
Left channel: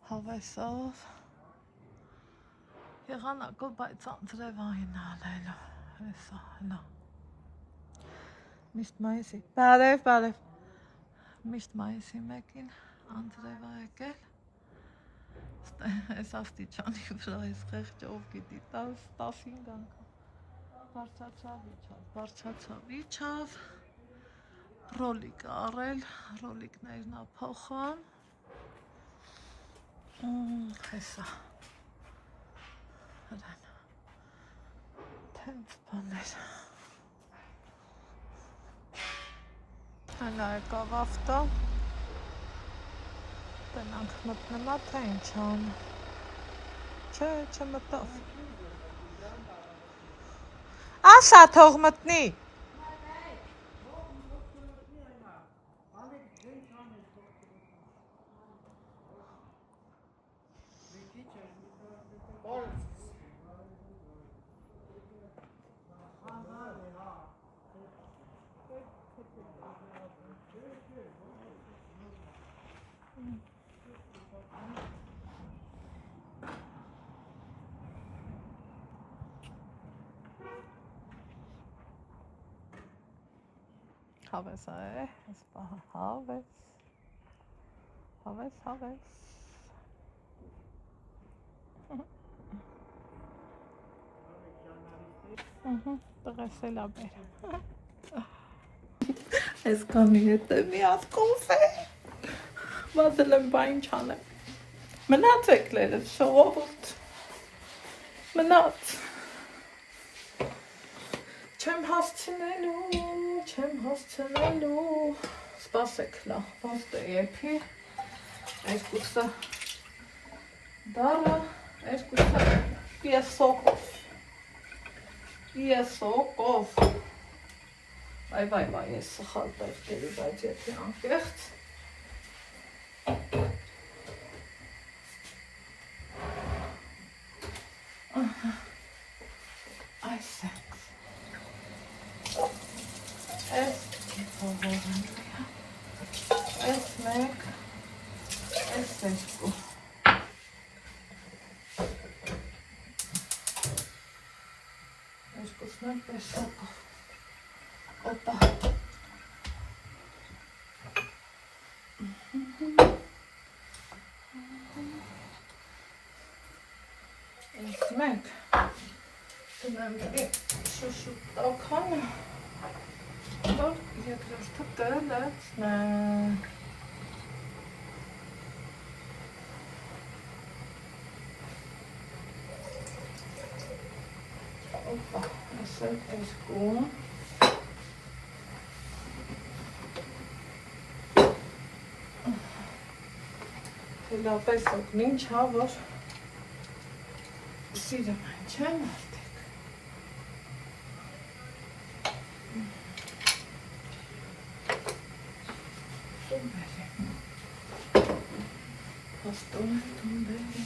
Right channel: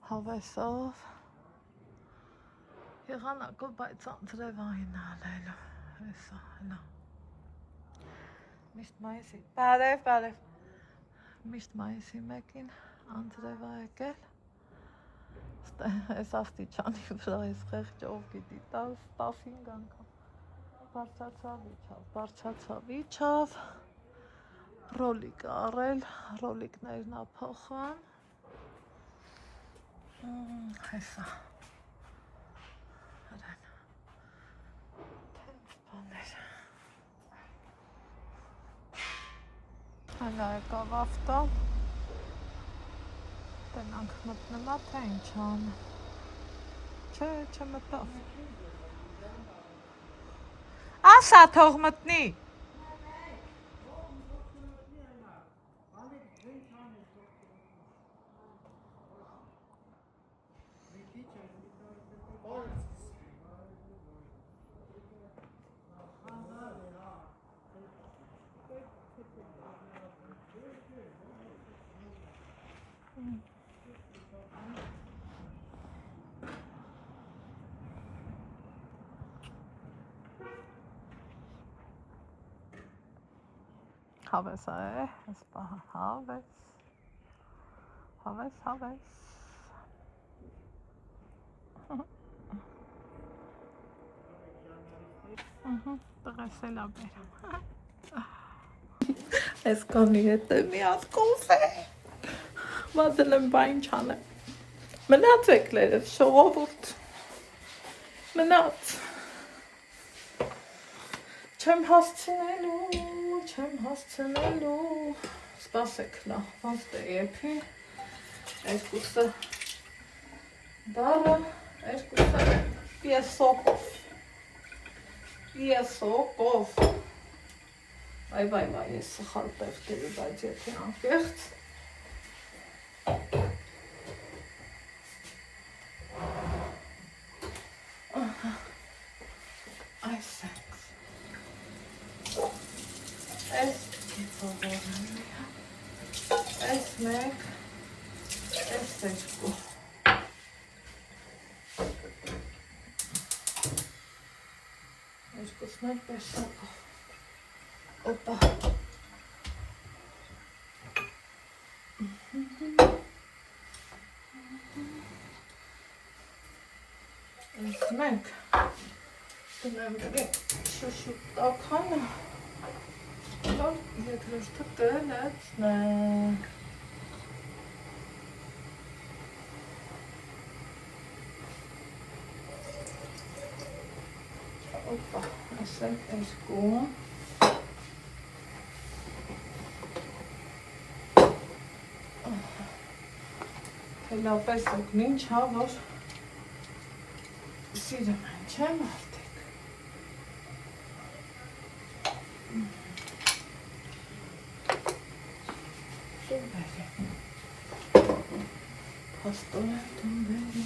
հավեսով, եղանակով բայց անձրևային ալելու, հեսա, հլա, միշտ մայիսի, բարև, միշտ մայիսի մեկին անձրև է եկել, ես աստիճանի վրա ես խեղճով գիտի, 15 անգամ, բարձացավ իջավ, ռոլիկ առել, ռոլիկներն ափոխան, հեսա, բաներ։ Հələ եկավ ավտո։ Տնանք մտնեմա, թե ինչ անը։ Չէ, չմտավ։ Ասա թող մտնի։ Հավես է, այս պահը հավես, հավես, հավես, տղես էլ աբերեմ, այս կանի հետ է մի հատ կոֆե, վազել եմ բա ինչ անեմ, մնաց եկլերս, ժողովուրդ, մնաց, չեմ հասցնելու, սպասեք լավ, ոնց դե եփի, երկուսը դալը, երկուսը եսոկով, վայ, ես սխալ պետք էլի, բայց եթե անկեղծ, այս է, այս փողորն է, այս մեկ, այս երկու, երկուսն են տեսակով, օպա, այս մենք, դնեմ դրի շուշուկ տականը, Լավ, երկրորդը տնեցնենք, օպա, ասել երկու, թե լապես օգնին, չա, որ սիրեմ են չեմ արդեք, Հասուն տումբերի,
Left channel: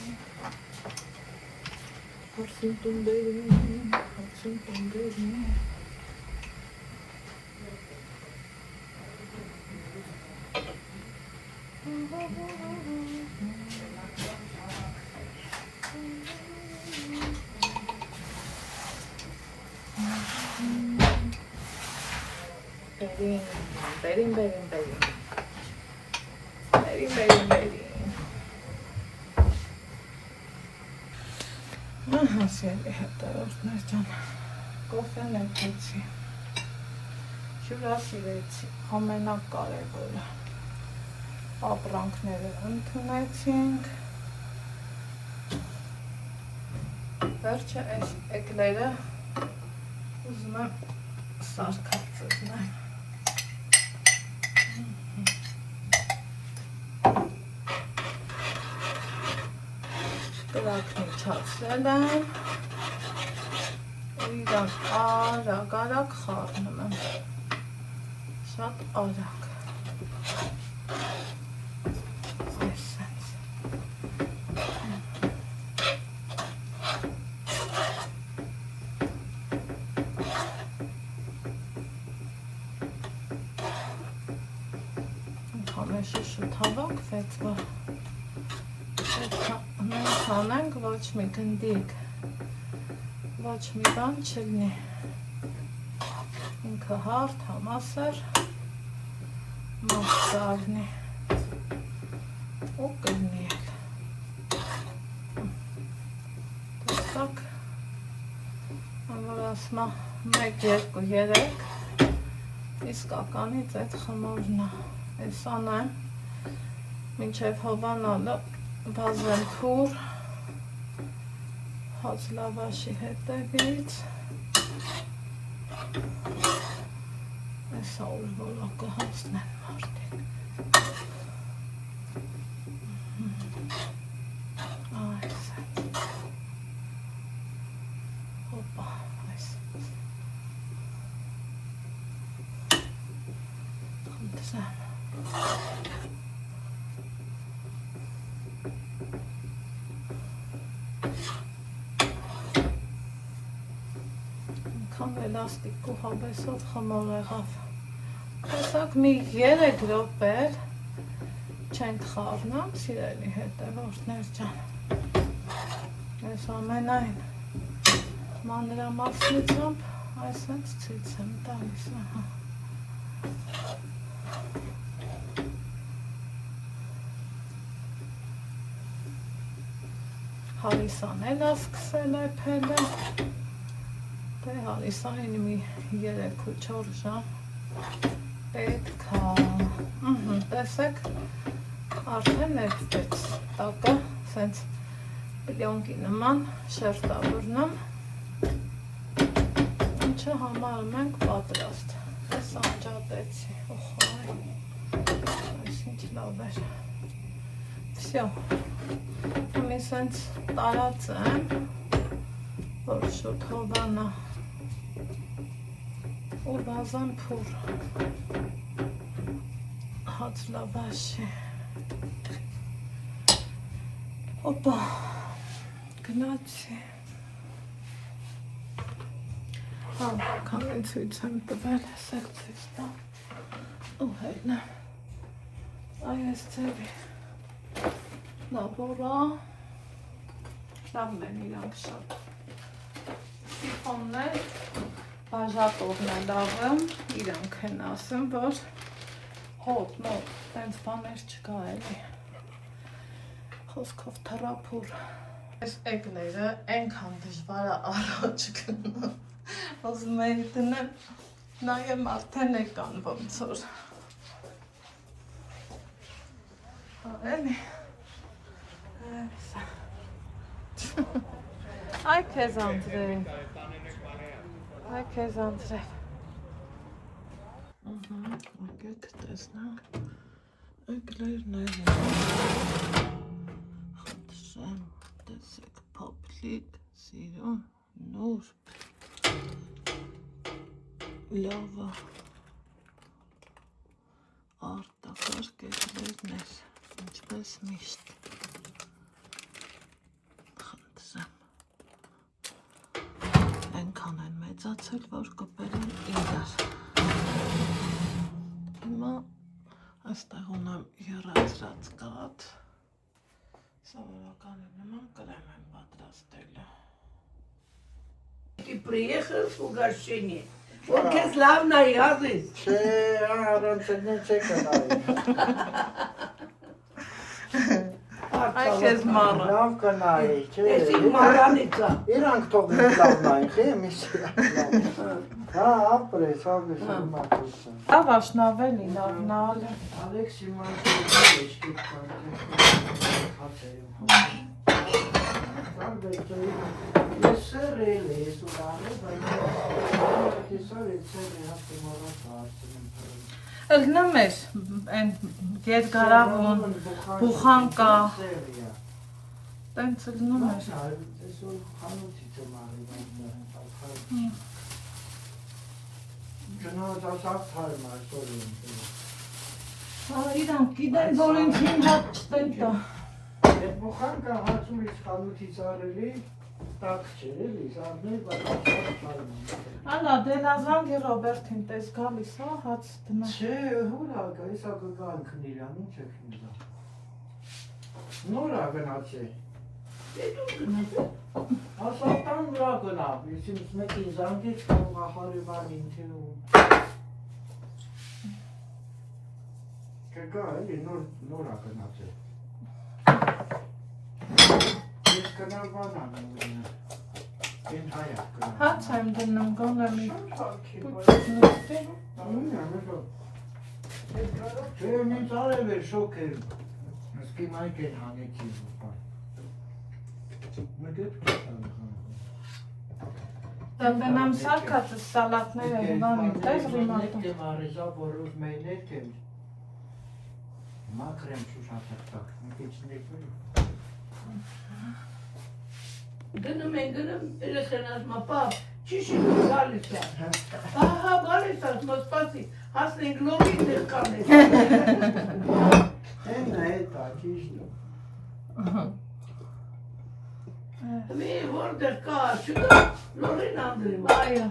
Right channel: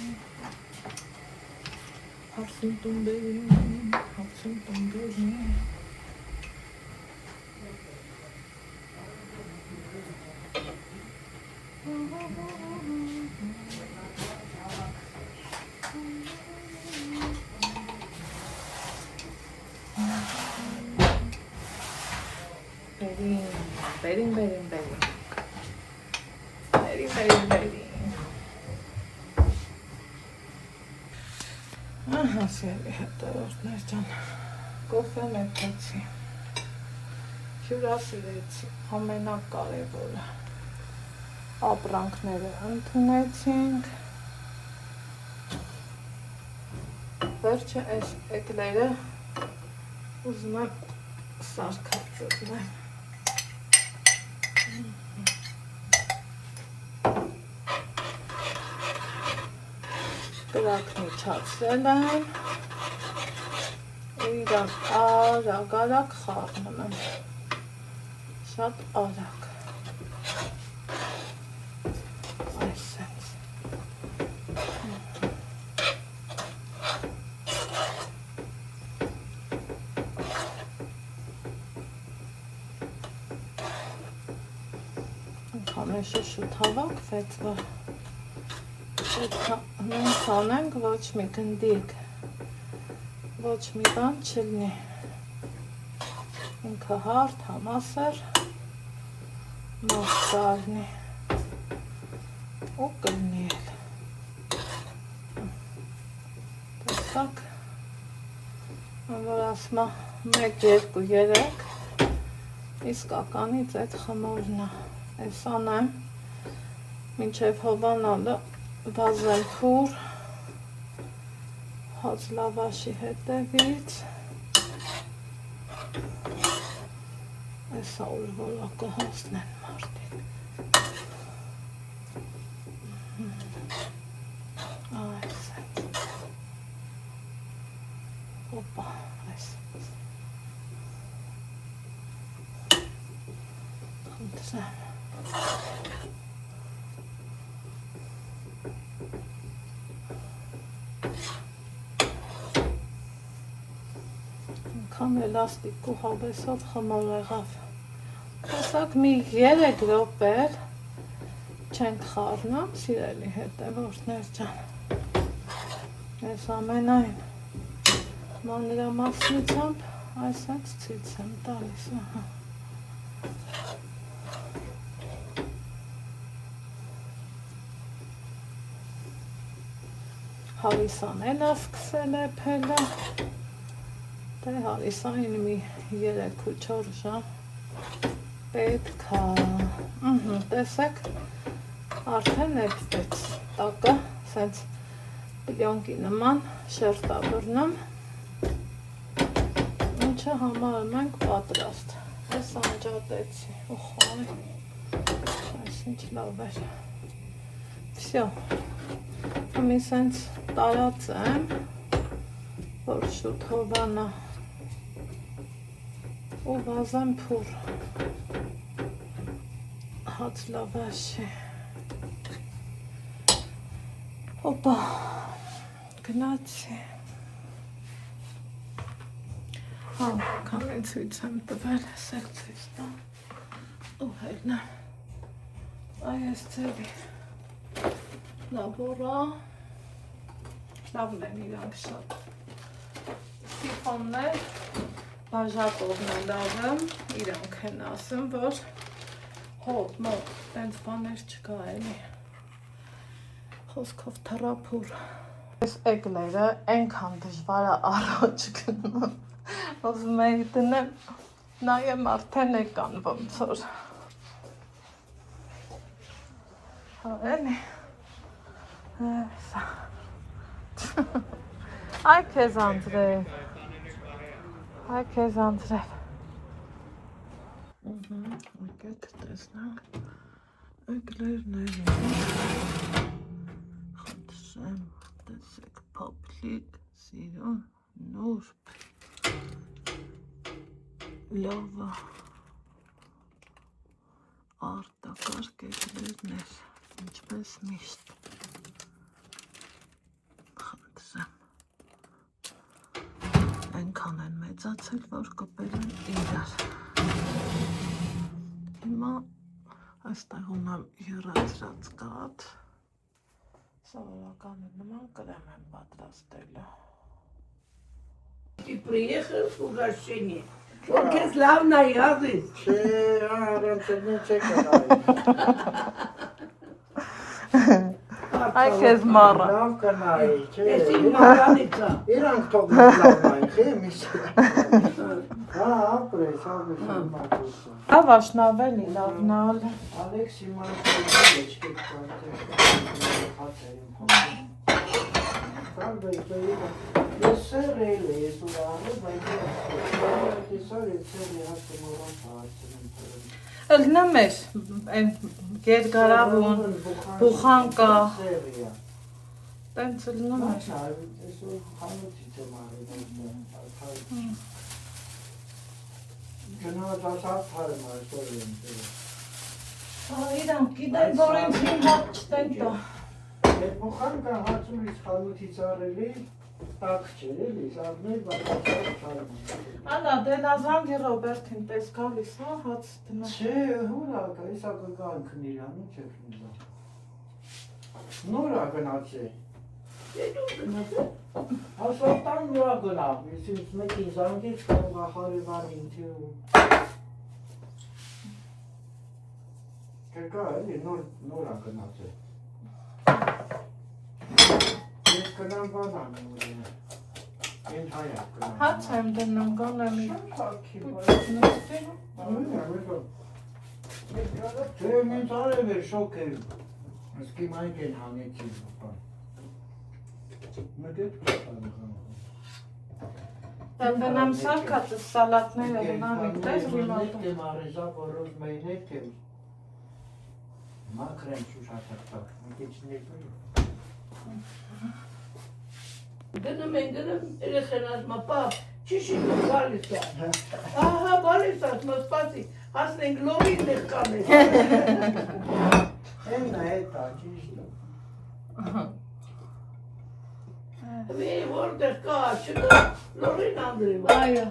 բերին, հասելի հետևորդներ տան, կոֆեն էտեցի, հյուրասիրեցի, ամենակարևորը, ապրանքները ընդունեցինք, վերջը այս էկլերը ուզում եմ սարքած ծտնեմ, Տրակն իջացել եմ, իրակ արագ խաղնում եմ, շատ արագ, այսենց, համեշը շուտ հավաքվեց, որ նույնս անենք, ոչ մի գնդիկ, ոչ մի բան չլնի, ինքը հարդ, համասեր, մոտ կարնի, ու կլնի էլ, տեսակ, որ ասմա 1, 2, 3, իսկականից այդ խմորն է, այս անեմ, մինչև հովանալը, բազեմ փուր, հաց լավաշի հետևից, Այսա ուր որակը հացնեն մարդին։ Այս է։ Հոպա, այս։ Խնդրեմ։ Կամ էլաստիկ ու հավեսով խմոր եղավ։ Տեսակ մի 3 րոպե չենք խառնամ սիրելի հետևորդներ ջան։ Ես ամենայն մանրամասնությամբ այսպես ցույց եմ տալիս, ահա։ Հալիսան էլ է սկսել է փելը։ Դե հալիսային մի 3-4 ժամ պետք է։ Տեսեք, արդեն ներկվեց տակը, սենց պլյոնկի նման շերտավորնում, ինչը համարում ենք պատրաստ։ Ես անջատեցի, ուխայ, այս ինչ լավ էր։ Վսյո, հիմի սենց տարած եմ, որ շուտ հովանա ու վազան փուր հաց լավաշի։ Հոպա, գնացի։ Հա, քամեն ցույց եմ տվել, սեղ ցույց տա։ Ու հետնեմ։ Այս ծևի։ Լավորա։ Լավն են իրանք շատ։ Սիխոններ, բաժակովն է լավը, իրանք են ասում, որ հոտ, մոտ, տենց բաներ չկա էլի, խոսքով թրապուր։ Այս էգները ենքան դժվար է առաջ գնում, ոզում էի տնեմ, նայեմ արդեն եկան ոնց որ։ Հա էլի, էսա։ Այ քեզ Անդրեյ, այ քեզ Անդրեյ։ Եկեք տեսնանք, էգլերներ են, խնդրեմ, տեսեք, փոփլիկ, սիրուն, նուրբ, լավը, արտակարգ էգլերներ, ինչպես միշտ, խնդրեմ, ենքան են մեծացել, որ կպել են իրար։ Հիմա այստեղ ունեմ եռացրած կաթ, սովորականի նման կրեմ եմ պատրաստելը։ Ты приехал в угощение. Вот как славная радость. Չէ, առանցնի չեք արի։ Այ քեզ մառը։ Լավ կնայի, չէ։ Если маранится. Իրանք թող լավ նային, խի միշտ։ Հա, ապրես, ապրես, ապրես։ Լավ աշնավելի, լավնալ։ Ալեքսի մարդը չկեք Ըլնեմ էր, երկարավուն, բուխանկա, տենց ըլնում էր։ Իրանք գիտեն, որ ինձ հին հատ չտեն տա։ Բուխանկա հացուրից խանութից առելի, տակ չէր էլի, սարներ Անա, դե նազանգ է Ռոբերտին տես գալիս, հա, հաց դնա։ Չէ, հուրակը, եսա կգան քնիրան, ինչ է քնիրա։ Նորա գնացե։ Ասատան նորա գնավ, ես ինձ մեկին զանգեց կամ հարևանին թեում։ Կգա էլի, նորա գնացե։ Ես կնամ բանան ուրին։ Են հայակ գնամ։ Հաց եմ դնում, գոնը մի Սակի պուչնիստի։ Չէ, ինձ անել էր շոք էր, ասկի մանք են հանեցի ուպար։ Մետետ կստան խանքում։ Դամբենամ սարկածը սալատները հվանի, տես ռիմատը։ Եմ արեզա որով մեն հետ եմ։ Մակրեմ շուշատակ, մի քիչ ներկայ։ Գնում են, երեխան ասում, պապ, ճիշտ բալից է։ Ահա, բալից է, ասում, սպասի, հասնենք լորին դեր կանենք։ Եմ հետ է, ճիշտ է։ Մի որտեղ կա, չկա, լորին անդրիմ։ Այո,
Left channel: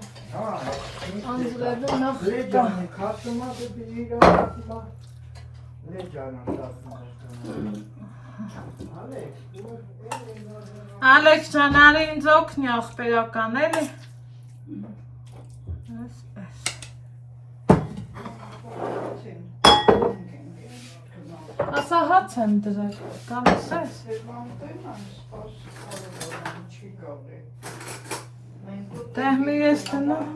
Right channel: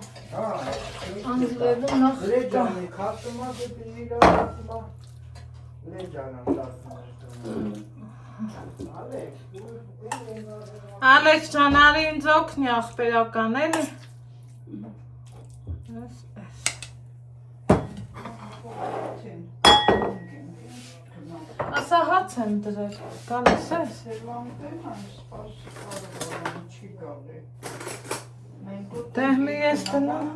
անձրևու նախ կա։ Լեջանի, կասումա դեպի իրակացումա։ Լեջանա սարքումա։ Ալեքս ջան, արի ինձ օգնի աղբերական էլի։ Ասա հաց եմ դրել, գալիս ես։ Դեղմի ես դնում։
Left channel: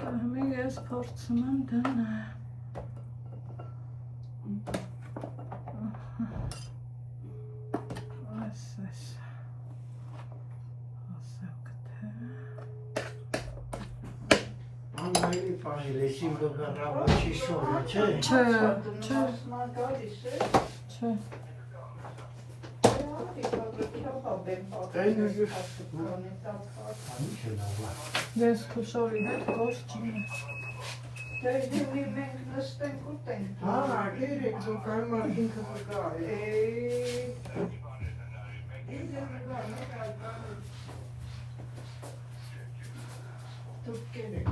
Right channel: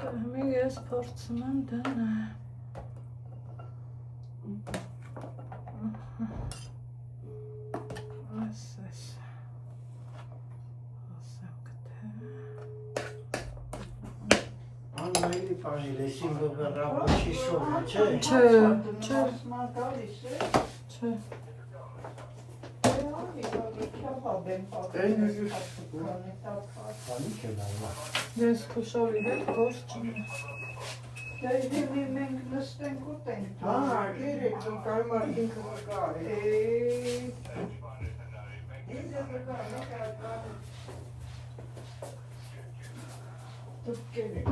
Դեղմի ես փորձում եմ դնել։ Ամայլի պահել ես իմ լոգարավաչի շորը, չէ։ Չէ, չէ, չէ։ Ես խոշորի հետ գործ չինը։ մենք նստենք ուտենք։ Հա, երեք դու կայմար ինքը վկա է։ Դուք կենեք։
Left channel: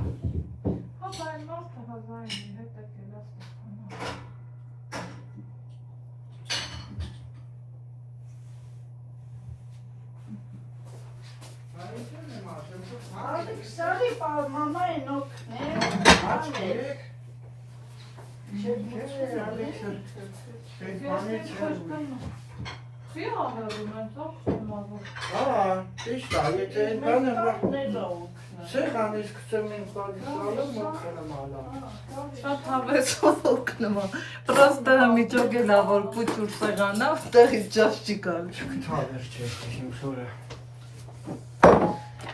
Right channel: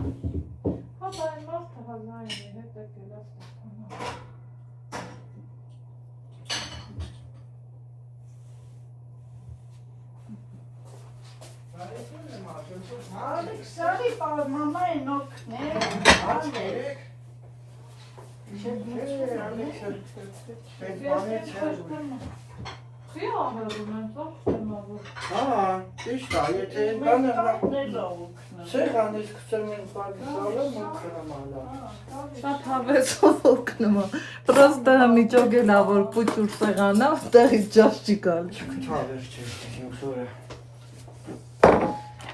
Հա, բայ մարդը հազային է, հետ է կելաս կստանա։ Ալեքսարի մամային օգնել։ Աչքեք։ Չի ահերում են, ծով շտնավոր։ Հա, ճիշտ է, եթե բանը Նելոք։ սեղանից կցեմ ինձ բալիսալը, մոքրեմ ադամ։ Շատ հավեսով օգնում է։ Պրոստը միջոգելա, որ պուճուր սեղանա, տեղից ճաշ չի կան։ Չկթավեր չես իմ շորը։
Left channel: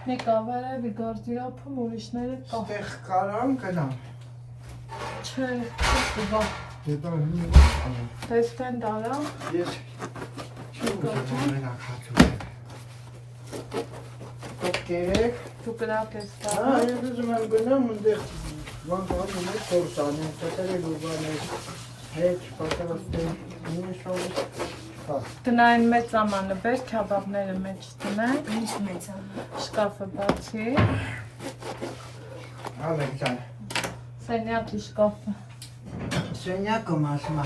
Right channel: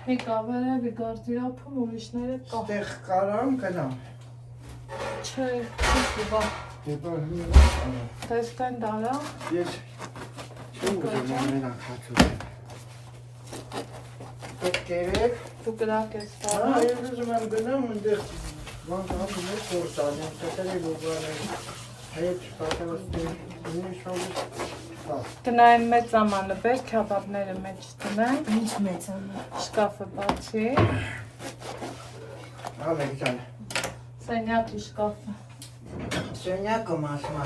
Նիկա, վերևի գարդիրապում ուրիշները կա։ Ստեղ կարամ կնամ։ Չէ, չկվա։ Հետո հին Տեստեն դարա։ ես չուզում մենակ հացում։ Պետքերեք։ Դու կրակ ես Հա, դարա։ ես ուզում եմ գնամ ընդեղ ոնց անում ես սորսան, տոտերը լուբաներ, հետ պատրաստել, ինչ շարժ։ Հա, Տնային մեծ ամանը բեր, քյաբաբները մեջ տնեն։ Ինչ մեծ է։ Շկաֆը բացի։ Ալեքսան, Սենյակի շկաֆը։ սենյակը մասմա։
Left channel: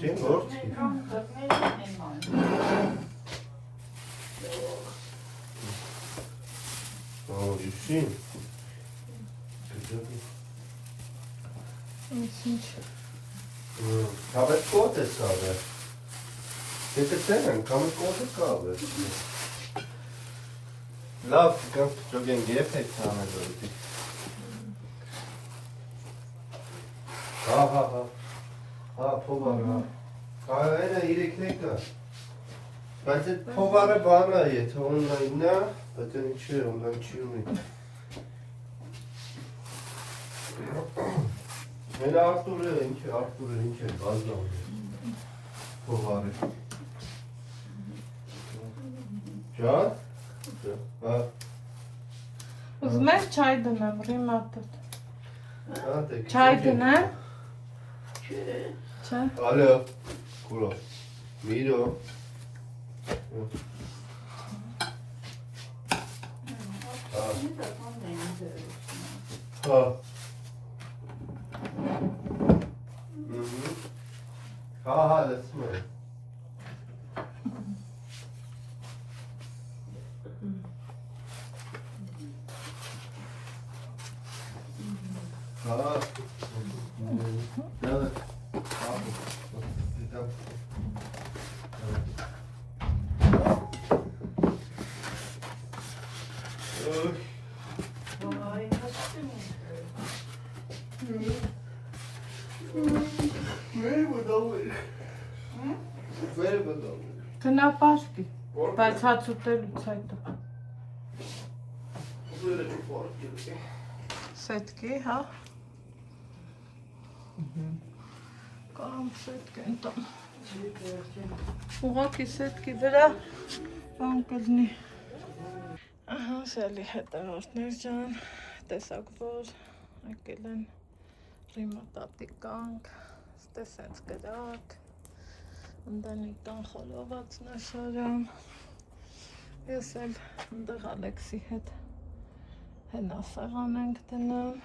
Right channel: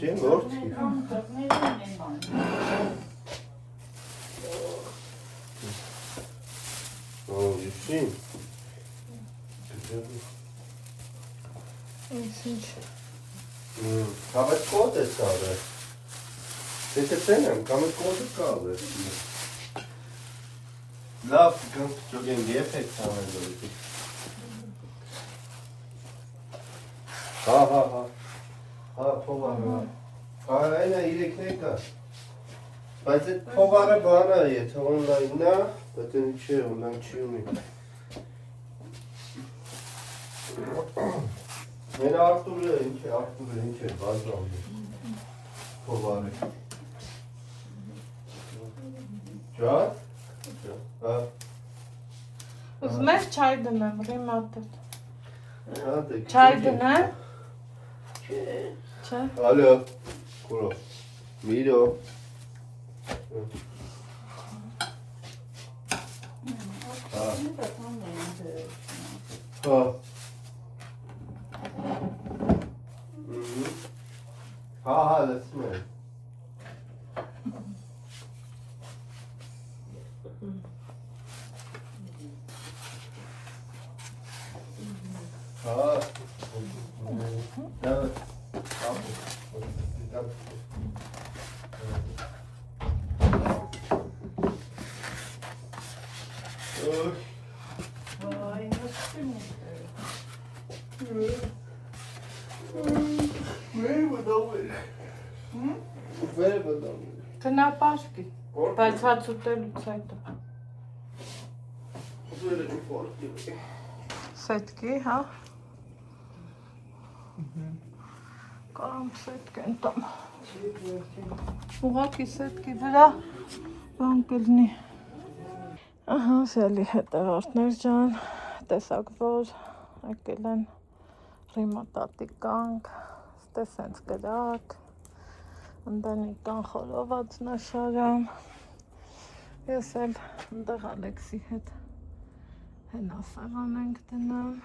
Sim, gorski. O, Justin. Ինչ։ Kamet kot es kaldı. Desene, kamet kot es kaldı. Laf, kan çok yenge efekt tane böyle. Ha. Ha, povara. Ha, aynen irekneka. Բայց այդ փողարը բանա է, եթե օնլայն է, այդ ինչի է, օնլայն չի ունի։ Մեր Արտուրը ինչ է, բազրով է, փողարը։ Ճա՞։ Հա։ Ուզում ես չայ դնեմ, ռիմատոտ։ Հատեք։ Չայ դնեմ։ Չէ։ Ալո, կորո, միրո։ Հա։ Հա, լսում եմ։ Հա։ Դա ցած ուտելուց հետո։ Սետկի, հա։ Կամ սետկեն տամ։ Ուղղակի սետկի վրա բան կլինի։ Ահա, սելի հետևորդներ ջան, տեսակ որ եկել են ռիմատատի կանք, ստե սենց գրակ, ընդանիկան խորոված նաշարան, ես էլ ընդեղ Ալեքսի հետ հենասեղան ենք դնում,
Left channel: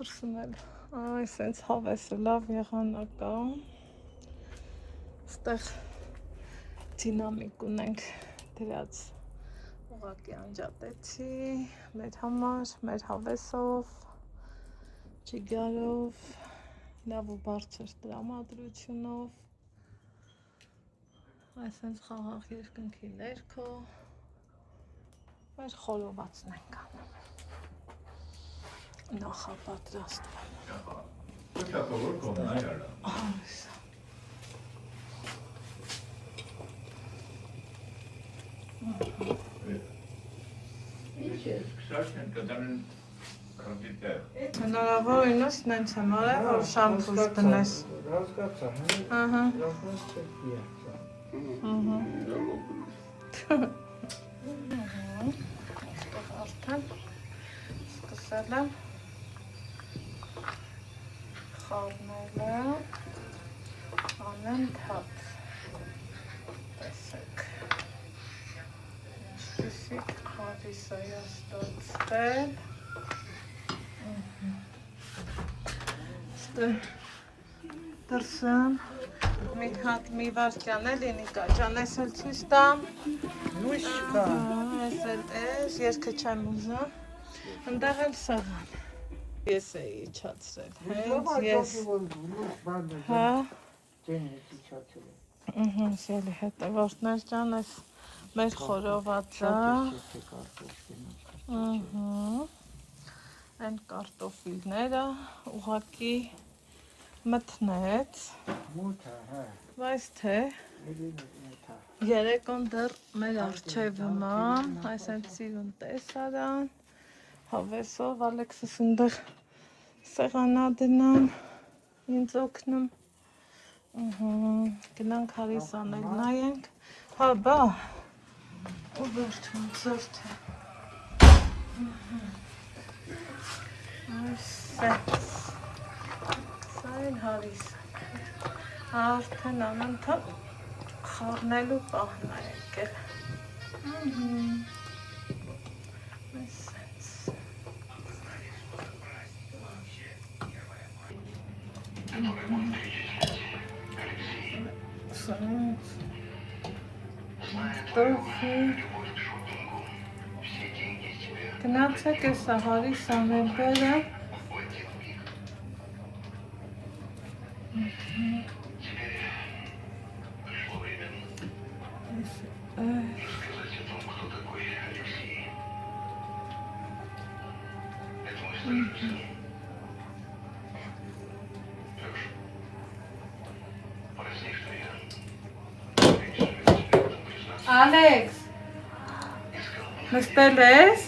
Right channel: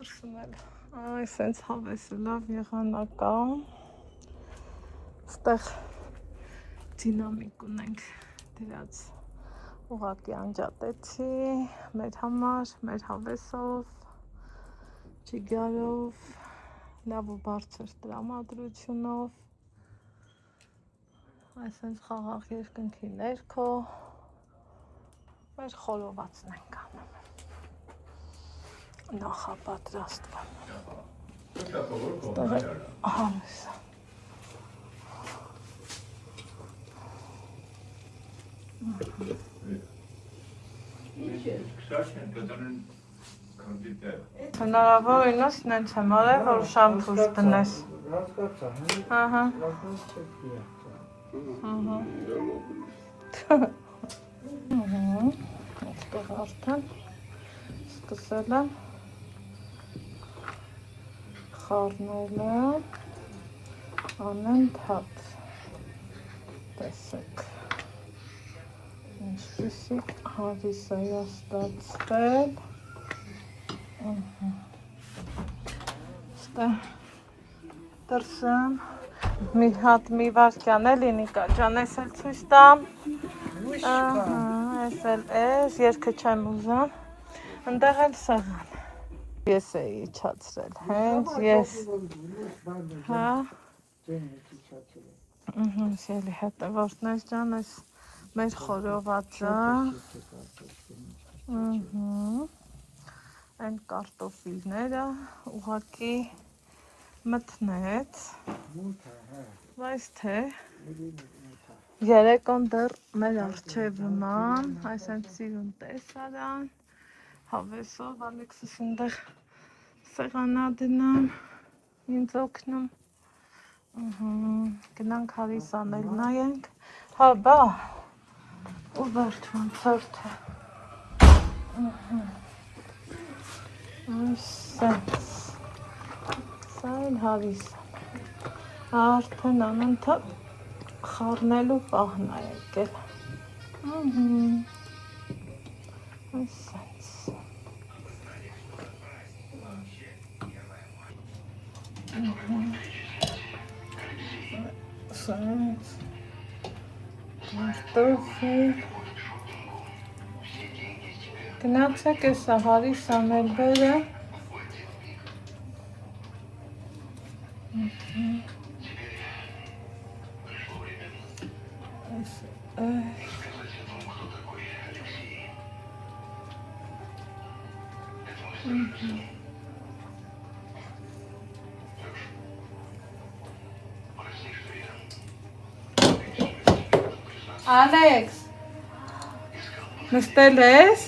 դրսում էլ այ սենց հավեսը լավ եղանակա, ստեղ դինամիկ ունենք դրած ուղղակի անջատեցի, մեր համար, մեր հավեսով, ճիգարով, լավ ու բարձր տրամադրությունով, այսպես խաղաղ երկնքի ներքո, մեր խորովածն ենք անում, նախապատրաստվում, համեսա, հնարավոր ինոս նենց եմ արել, որ շամփուս դնես։ Հասկացա, Ահա։ Այստեղ արդեն սկսել եմ խառնելը, անընդհատ, տեսեք, ինչպիսի հարիս է ստացվել, դրսում մի հատ մի վարկյան էլի Նիկա ջան, ես էլ ցույց տամ, ես էլ ես, երկը չեմ ուզում, ընդեղ էլ սեղան, ես էի իջացրել, հենց ես, հա, սելի հետևորդներ ջան, ես մեր խորովածը, այն կարտոֆիլները ուղղակի մտնեց, բայց թե երեկոն դեռ մեր առջևում այսենց սիրուն տեսարան, հավեսով Ալեքսս ընդեղ սեղանա դնան, ինձ օգնում, գնանք հարիսանել նայենք, հա բա, ու վերջ ոնցորդ է, այսենց, սա էլ հարիսան, արդեն անընդհատ խառնելու պահն է եկել, այսենց, սենց, տոխի, գնացեք ես հարիսան էլ բերը, Ալեքս, նստել ես?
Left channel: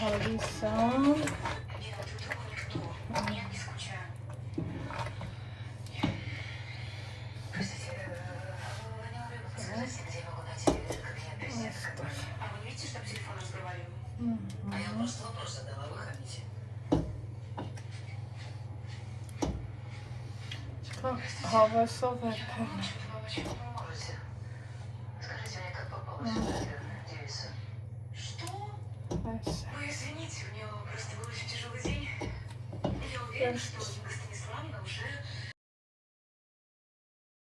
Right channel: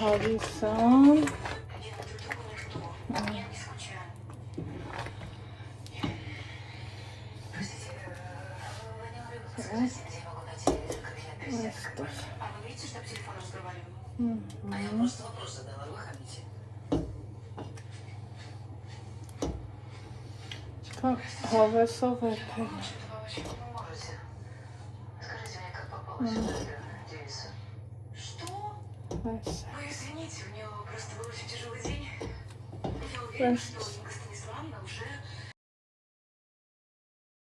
Հարիսան, հավեսով եկել, Извините, у него просто был очень тяжелый день. Я увидела, что